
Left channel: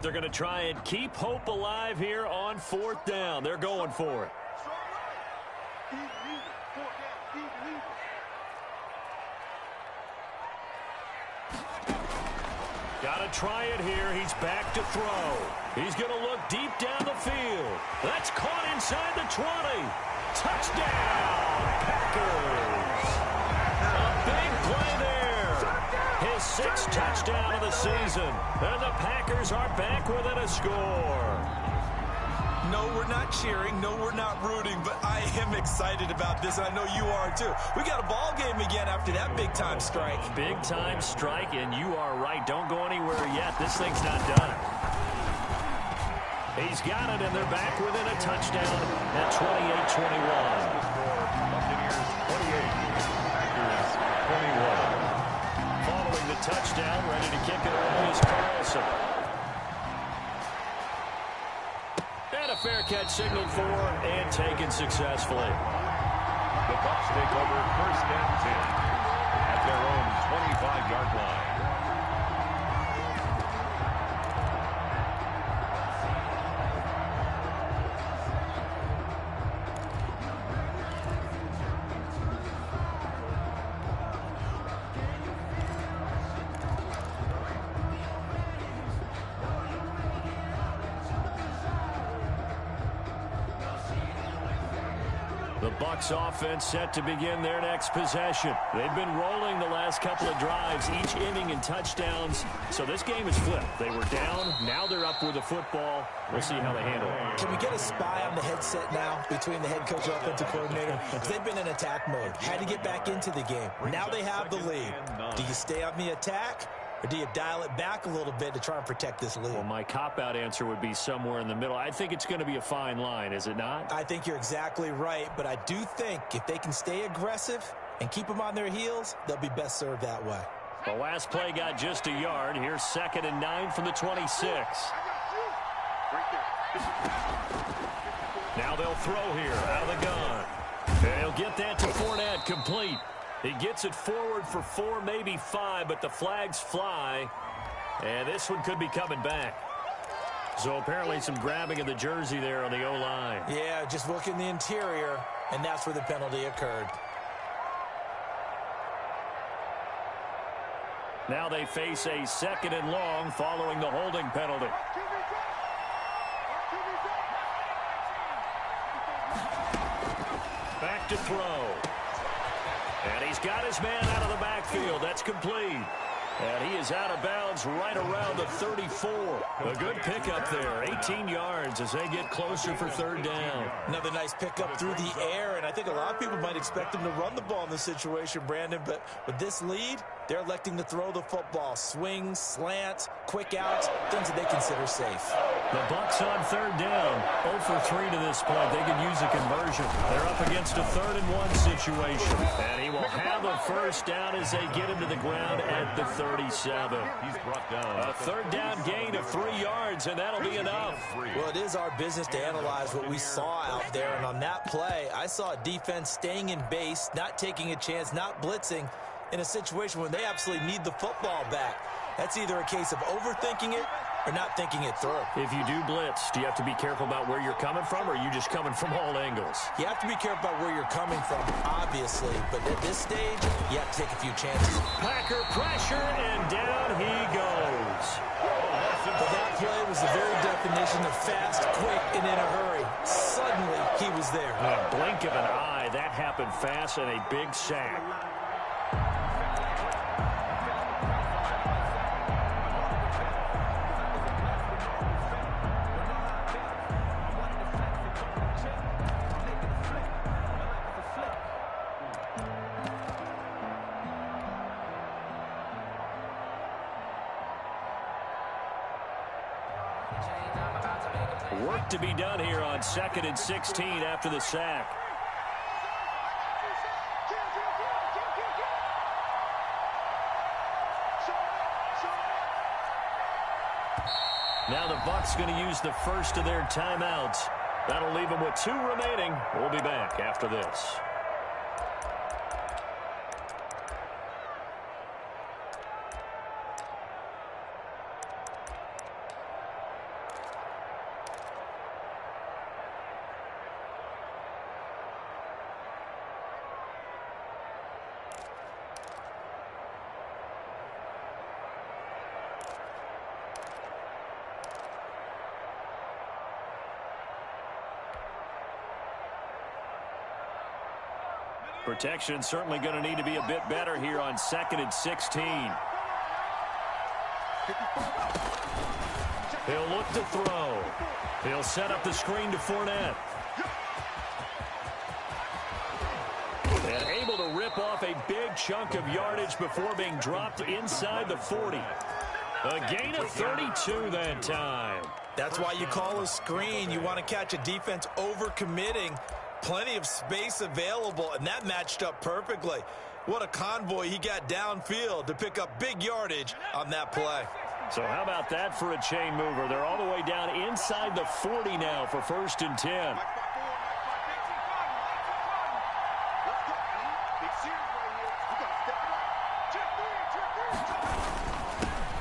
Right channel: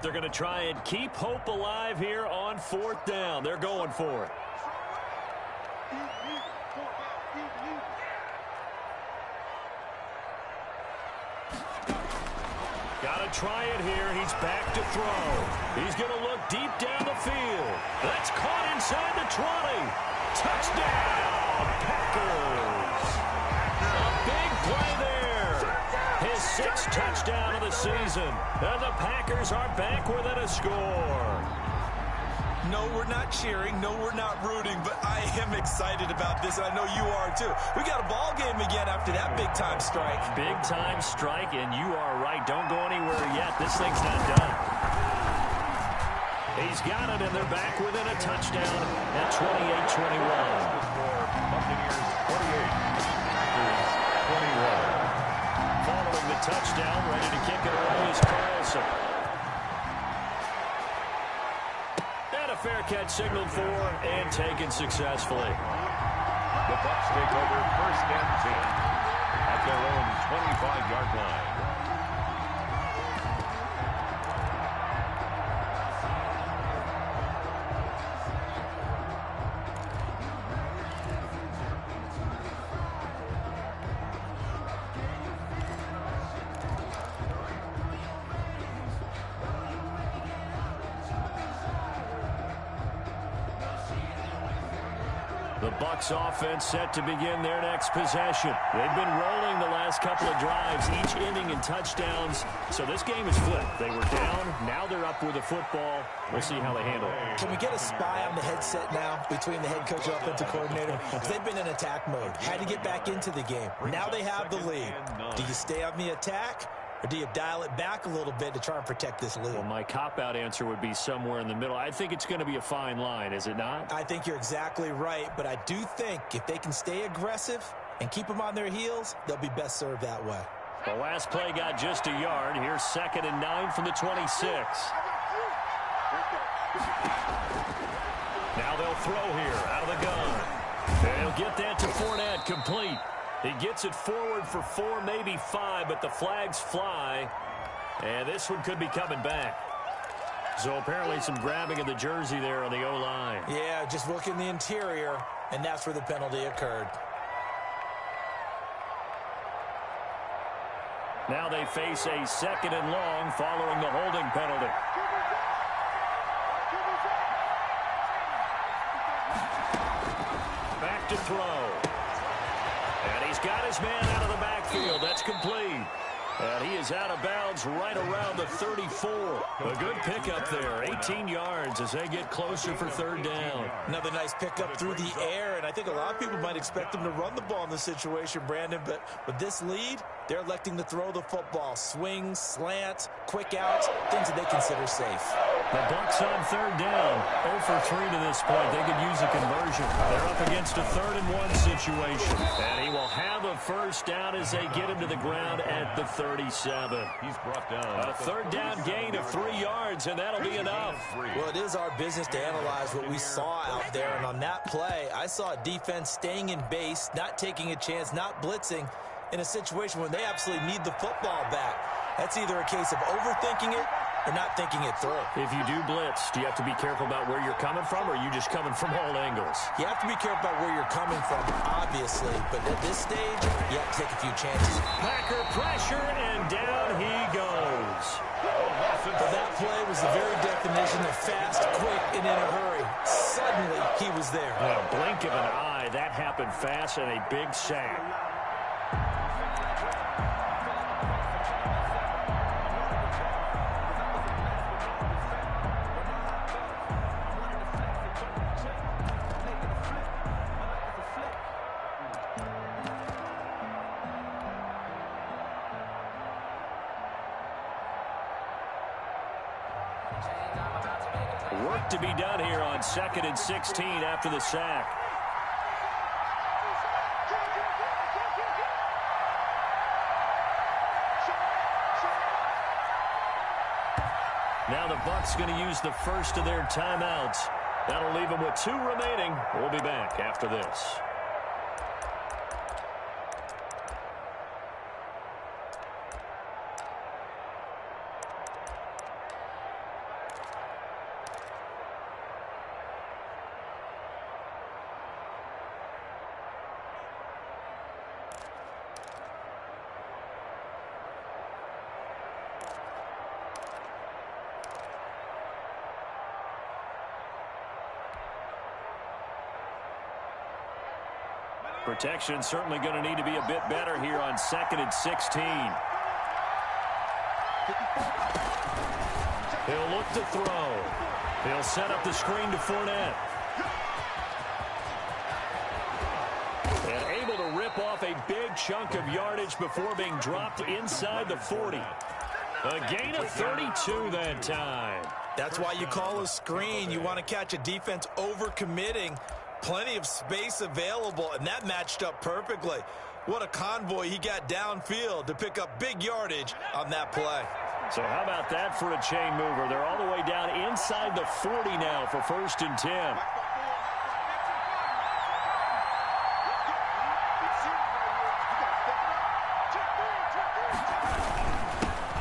They're going to try and keep hope alive here on 4th down. They're going for it. Got to try it here. He's back to throw. He's going to look deep down the field. That's caught inside the 20. Touchdown, Packers. A big play there. His sixth touchdown of the season. And the Packers are back within a score. No, we're not cheering. No, we're not rooting. But I am excited about this, and I know you are too. We got a ball game again after that big-time strike. Big-time strike, and you are right. Don't go anywhere yet. This thing's not done. He's got it, and they're back within a touchdown at 28-21. Buccaneers 28, Packers 21. Following the touchdown, ready to kick it away is Carlson. And a fair catch signaled for and taken successfully. The Bucks take over first and 10 at their own 25-yard line. The Bucks offense set to begin their next possession. They've been rolling the last couple of drives, each ending in touchdowns. So this game is flipped. They were down. Now they're up with the football. We'll see how they handle it. Can we get a spy on the headset now between the head coach and offensive coordinator? They've been in attack mode. Had to get back into the game. Now they have the lead. Do you stay on the attack? Or do you dial it back a little bit to try and protect this lead? Well, my cop-out answer would be somewhere in the middle. I think it's going to be a fine line, is it not? I think you're exactly right, but I do think if they can stay aggressive and keep them on their heels, they'll be best served that way. The last play got just a yard. Here's 2nd and 9 from the 26. Now they'll throw here out of the gun. They'll get that to Fournette, complete. He gets it forward for 4, maybe 5, but the flags fly. And this one could be coming back. So apparently some grabbing of the jersey there on the O-line. Yeah, just look in the interior, and that's where the penalty occurred. Now they face a 2nd and long following the holding penalty. Back to throw. And he's got his man out of the backfield. That's complete. And he is out of bounds right around the 34. A good pickup there. 18 yards as they get closer for 3rd down. Another nice pickup through the air, and I think a lot of people might expect him to run the ball in this situation, Brandon, but with this lead, they're electing to throw the football. Swings, slants, quick outs, things that they consider safe. The Bucks on 3rd down. 0 for 3 to this point. They could use a conversion. They're up against a 3rd and 1 situation. And he will have a 1st down as they get him to the ground at the 37. He's brought down. A 3rd down gain of 3 yards, and that'll be enough. Well, it is our business to analyze what we saw out there, and on that play, I saw a defense staying in base, not taking a chance, not blitzing in a situation where they absolutely need the football back. That's either a case of overthinking it or not thinking it through. If you do blitz, do you have to be careful about where you're coming from, or are you just coming from all angles? You have to be careful about where you're coming from, obviously, but at this stage, you have to take a few chances. Packer pressure, and down he goes. Well, that play was the very definition of fast, quick, and in a hurry. Suddenly, he was there. In a blink of an eye, that happened fast, and a big sack. Work to be done here on 2nd and 16 after the sack. Now the Bucks going to use the first of their timeouts. That'll leave them with 2 remaining. We'll be back after this. Protection certainly going to need to be a bit better here on 2nd and 16. He'll look to throw. He'll set up the screen to Fournette. And able to rip off a big chunk of yardage before being dropped inside the 40. A gain of 32 that time. That's why you call a screen. You want to catch a defense overcommitting. Plenty of space available, and that matched up perfectly. What a convoy he got downfield to pick up big yardage on that play. So how about that for a chain mover? They're all the way down inside the 40 now for 1st and 10.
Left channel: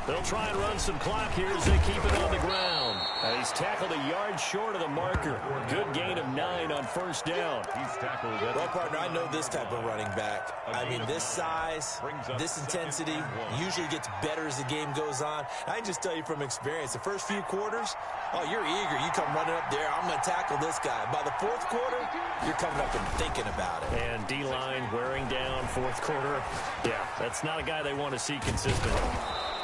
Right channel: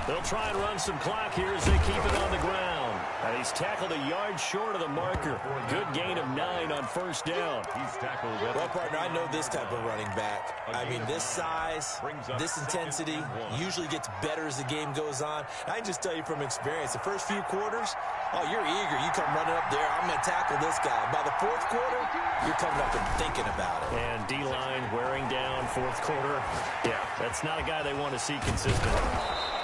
They'll try and run some clock here as they keep it on the ground. He's tackled a yard short of the marker. Good gain of 9 on 1st down. He's tackled. Well, partner, I know this type of running back. I mean, this size, this intensity usually gets better as the game goes on. I can just tell you from experience, the first few quarters, oh, you're eager. You come running up there, I'm going to tackle this guy. By the 4th quarter, you're coming up and thinking about it. And D-line wearing down 4th quarter. Yeah, that's not a guy they want to see consistently.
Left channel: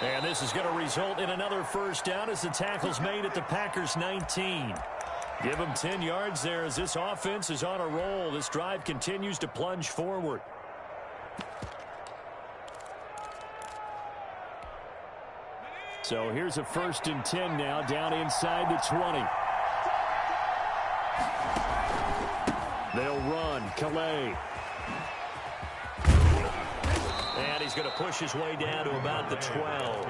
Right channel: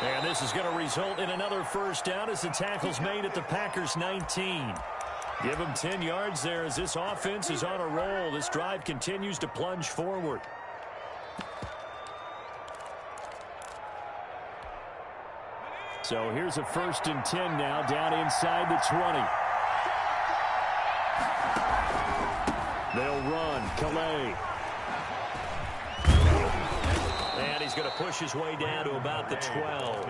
And this is going to result in another 1st down as the tackle's made at the Packers' 19. Give them 10 yards there as this offense is on a roll. This drive continues to plunge forward. So here's a 1st and 10 now down inside the 20. They'll run. Calais. And he's going to push his way down to about the 12.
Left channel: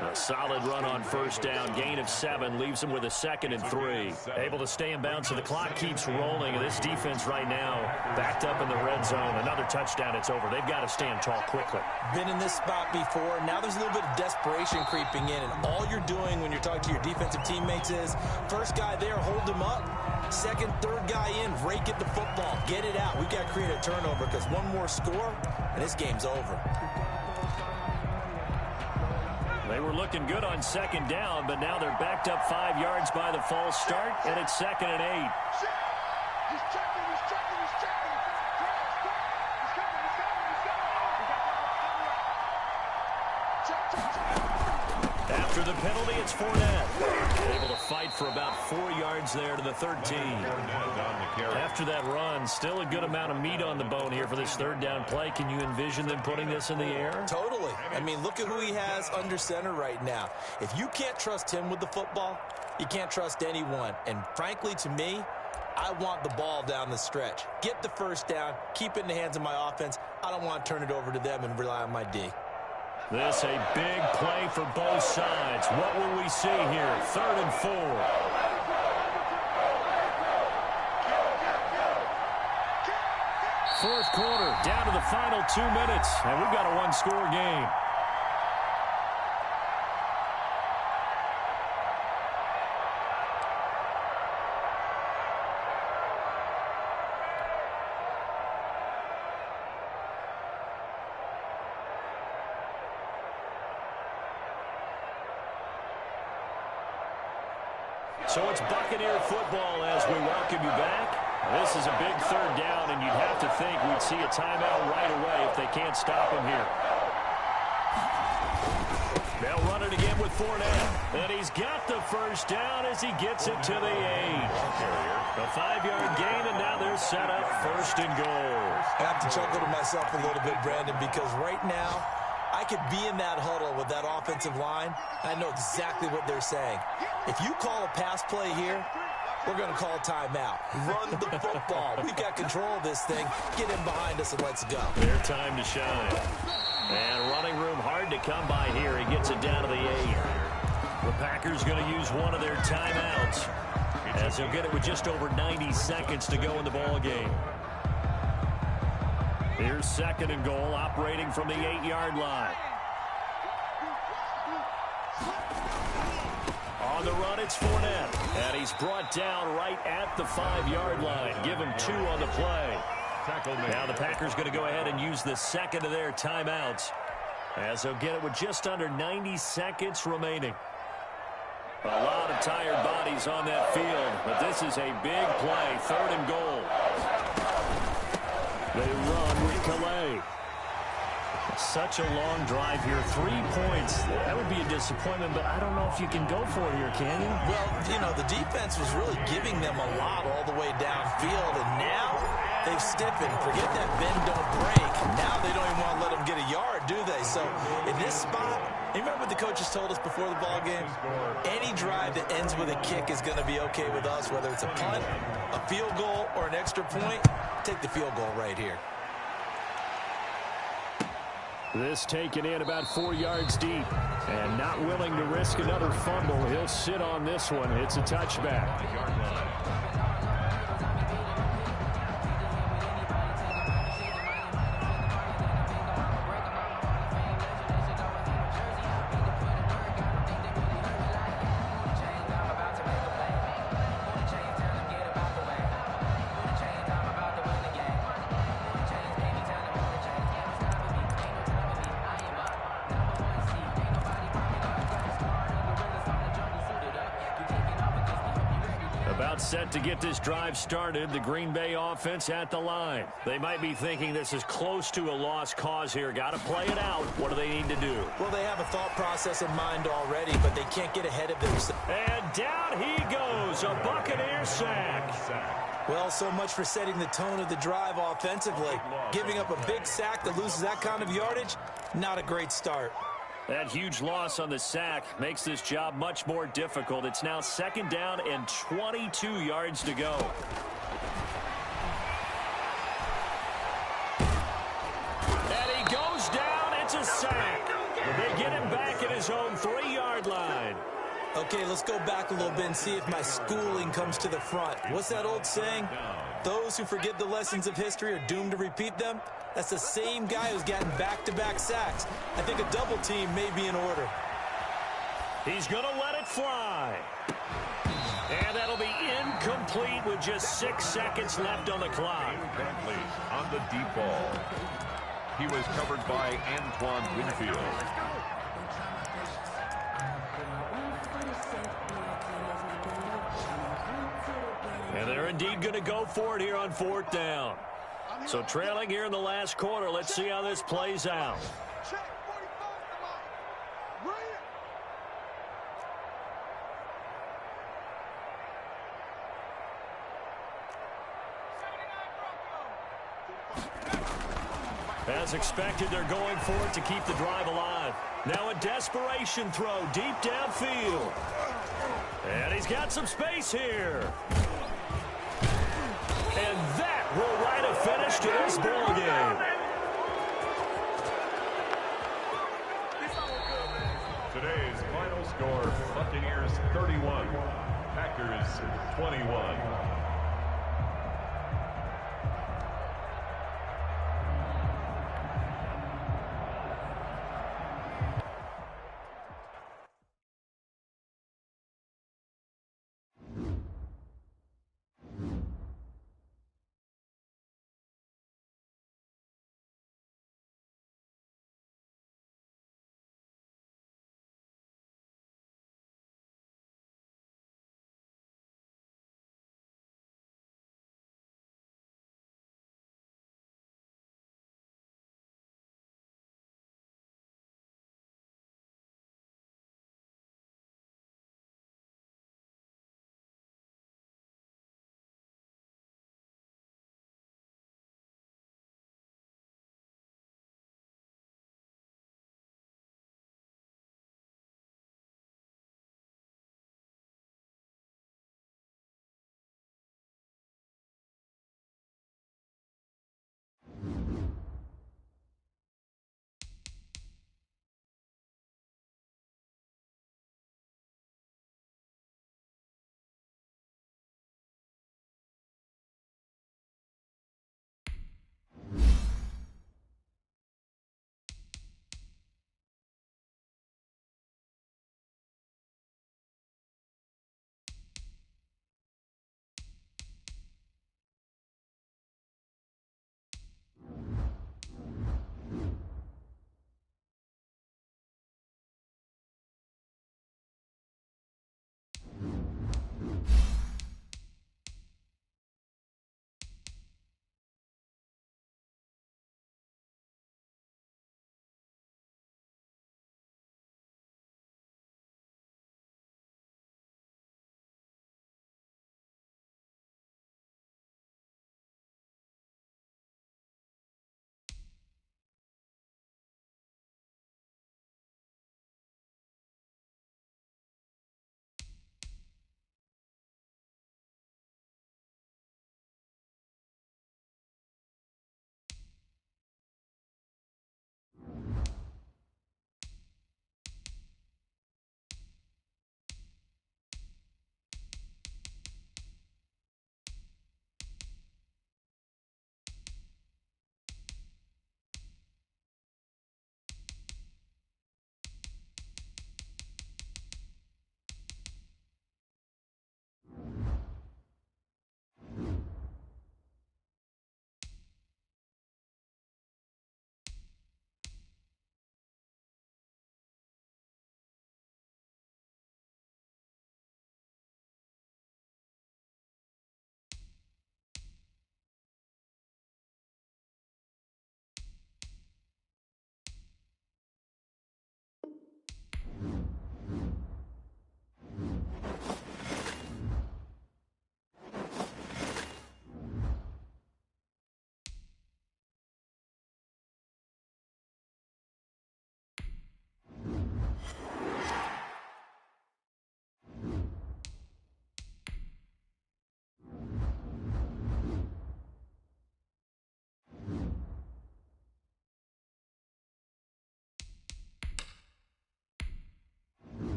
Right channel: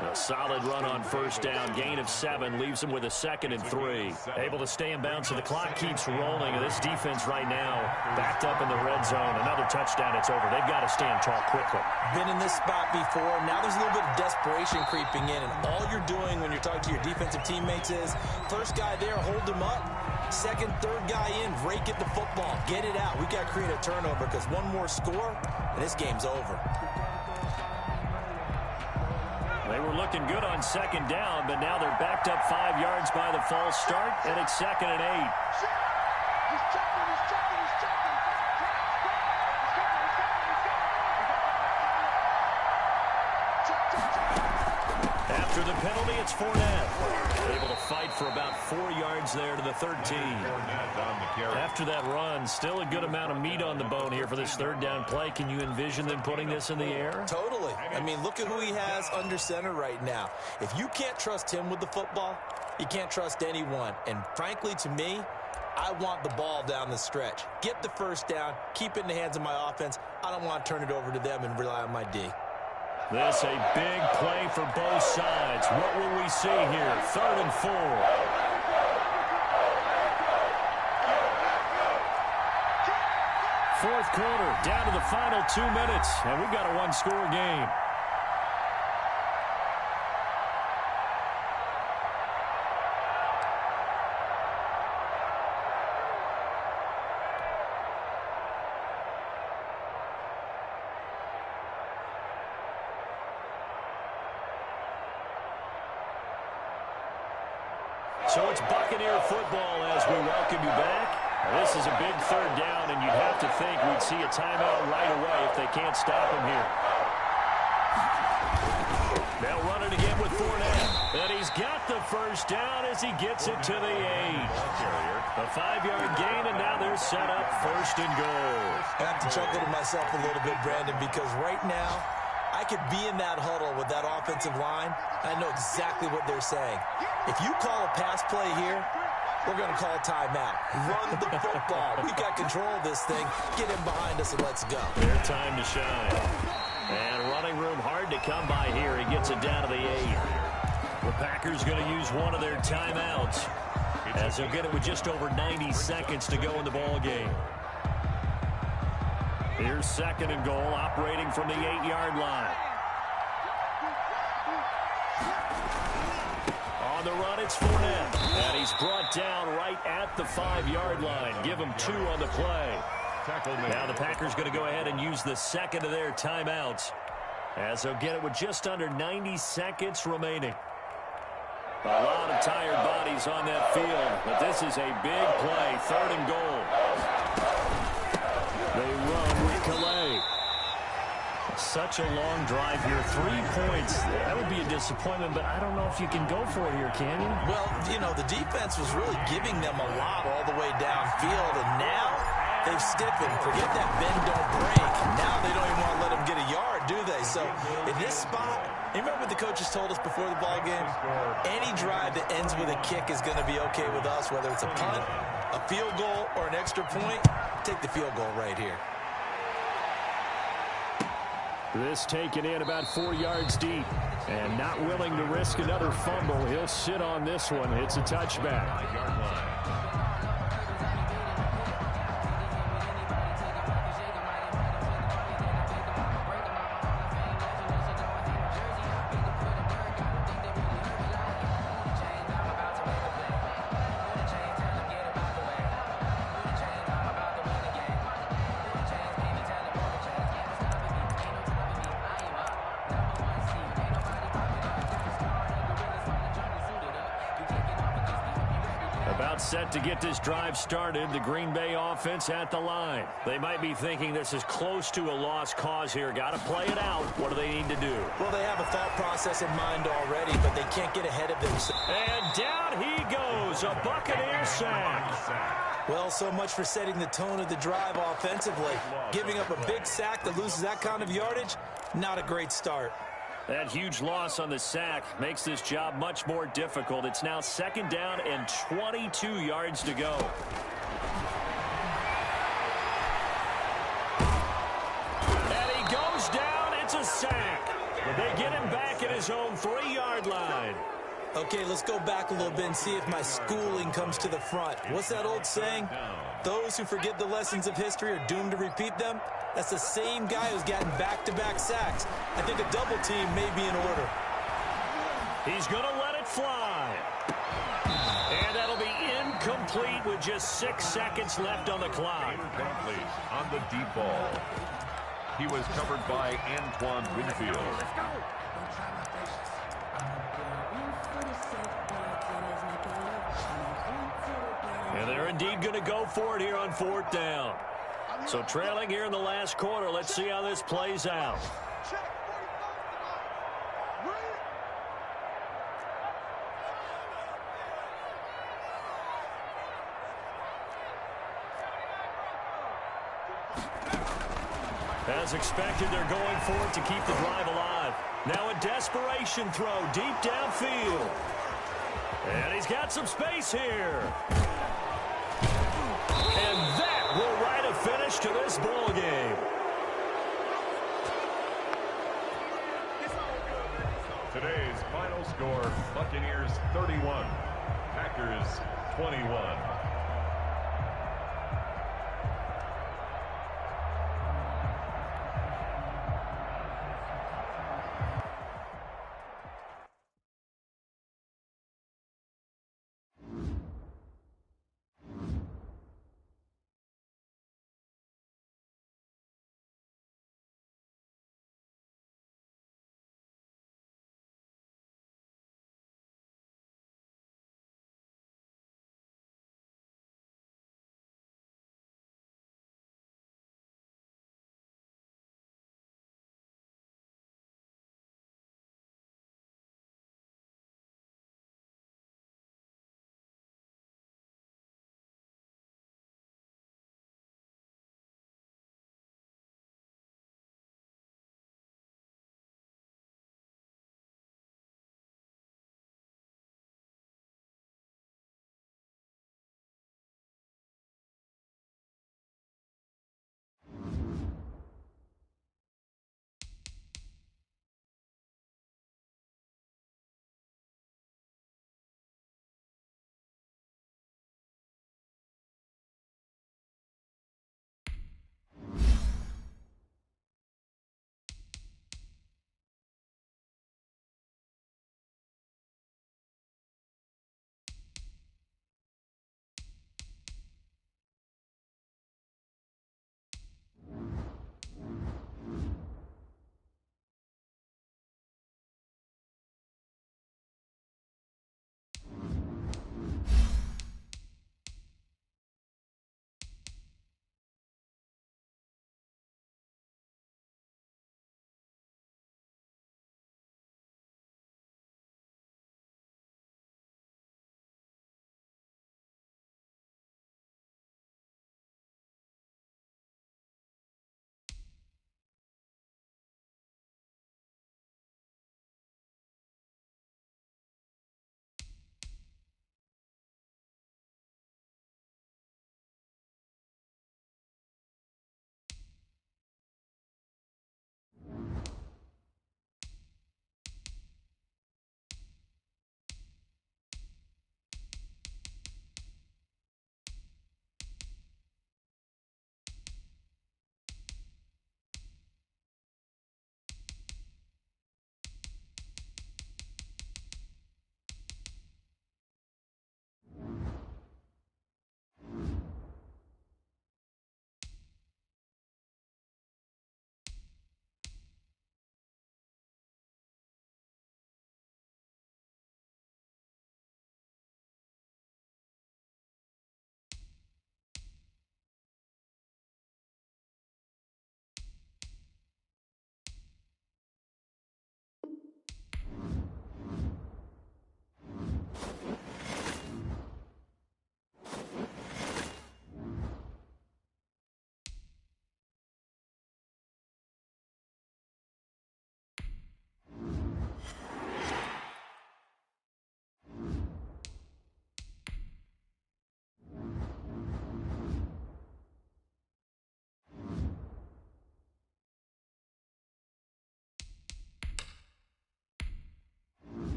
A solid run on 1st down. Gain of 7 leaves him with a 2nd and 3. Able to stay in bounds, so the clock keeps rolling. And this defense right now backed up in the red zone. Another touchdown, it's over. They've got to stand tall quickly. Been in this spot before. Now there's a little bit of desperation creeping in. And all you're doing when you're talking to your defensive teammates is, first guy there, hold him up. 2nd, 3rd guy in, rake at the football. Get it out. We got to create a turnover because one more score, and this game's over. They were looking good on 2nd down, but now they're backed up 5 yards by the false start, and it's 2nd and 8. He's checking, he's checking, he's checking. He's coming, he's coming, he's coming. Check, check, check. After the penalty, it's Fournette. Able to fight for about 4 yards there to the 13. After that run, still a good amount of meat on the bone here for this 3rd down play. Can you envision them putting this in the air? Totally. I mean, look at who he has under center right now. If you can't trust him with the football, you can't trust anyone. And frankly, to me, I want the ball down the stretch. Get the 1st down, keep it in the hands of my offense. I don't want to turn it over to them and rely on my D. This a big play for both sides. What will we see here? 3rd and 4. 4th quarter, down to the final 2 minutes, and we've got a 1-score game. So it's Buccaneer football as we welcome you back. Now, this is a big 3rd down, and you'd have to think we'd see a timeout right away if they can't stop him here. They'll run it again with Fournette. And he's got the 1st down as he gets it to the 8. A 5-yard gain, and now they're set up 1st and goal. I have to chuckle to myself a little bit, Brandon, because right now, I could be in that huddle with that offensive line. I know exactly what they're saying. If you call a pass play here, we're going to call a timeout. Run the football. We've got control of this thing. Get him behind us and let's go. Their time to shine. And running room hard to come by here. He gets it down to the 8. The Packers going to use one of their timeouts as they'll get it with just over 90 seconds to go in the ball game. Here's 2nd and goal, operating from the 8-yard line. On the run, it's Fournette. And he's brought down right at the 5-yard line. Give him 2 on the play. Now the Packers going to go ahead and use the 2nd of their timeouts as they'll get it with just under 90 seconds remaining. A lot of tired bodies on that field, but this is a big play. 3rd and goal. They run with Calais. Such a long drive here. 3 points. That would be a disappointment, but I don't know if you can go for it here, can you? Well, you know, the defense was really giving them a lot all the way downfield, and now they've stiffened. Forget that bend, don't break. Now they don't even want to let them get a yard, do they? So in this spot, you remember what the coaches told us before the ball game? Any drive that ends with a kick is going to be okay with us, whether it's a punt, a field goal, or an extra point. Take the field goal right here. This taken in about 4 yards deep. And not willing to risk another fumble. He'll sit on this one. It's a touchback. About set to get this drive started. The Green Bay offense at the line. They might be thinking this is close to a lost cause here. Got to play it out. What do they need to do? Well, they have a thought process in mind already, but they can't get ahead of themselves. And down he goes. A Buccaneer sack. Well, so much for setting the tone of the drive offensively. Giving up a big sack that loses that kind of yardage, not a great start. That huge loss on the sack makes this job much more difficult. It's now 2nd down and 22 yards to go. And he goes down. It's a sack. But they get him back at his own 3-yard line. Okay, let's go back a little bit and see if my schooling comes to the front. What's that old saying? Those who forget the lessons of history are doomed to repeat them. That's the same guy who's gotten back-to-back sacks. I think a double team may be in order. He's going to let it fly. And that'll be incomplete with just 6 seconds left on the clock. Bentley on the deep ball. He was covered by Antoine Winfield. And they're indeed going to go for it here on 4th down. So trailing here in the last quarter. Let's see how this plays out. As expected, they're going for it to keep the drive alive. Now a desperation throw deep downfield. And he's got some space here. And that will write a finish to this ball game. Today's final score, Buccaneers 31, Packers 21.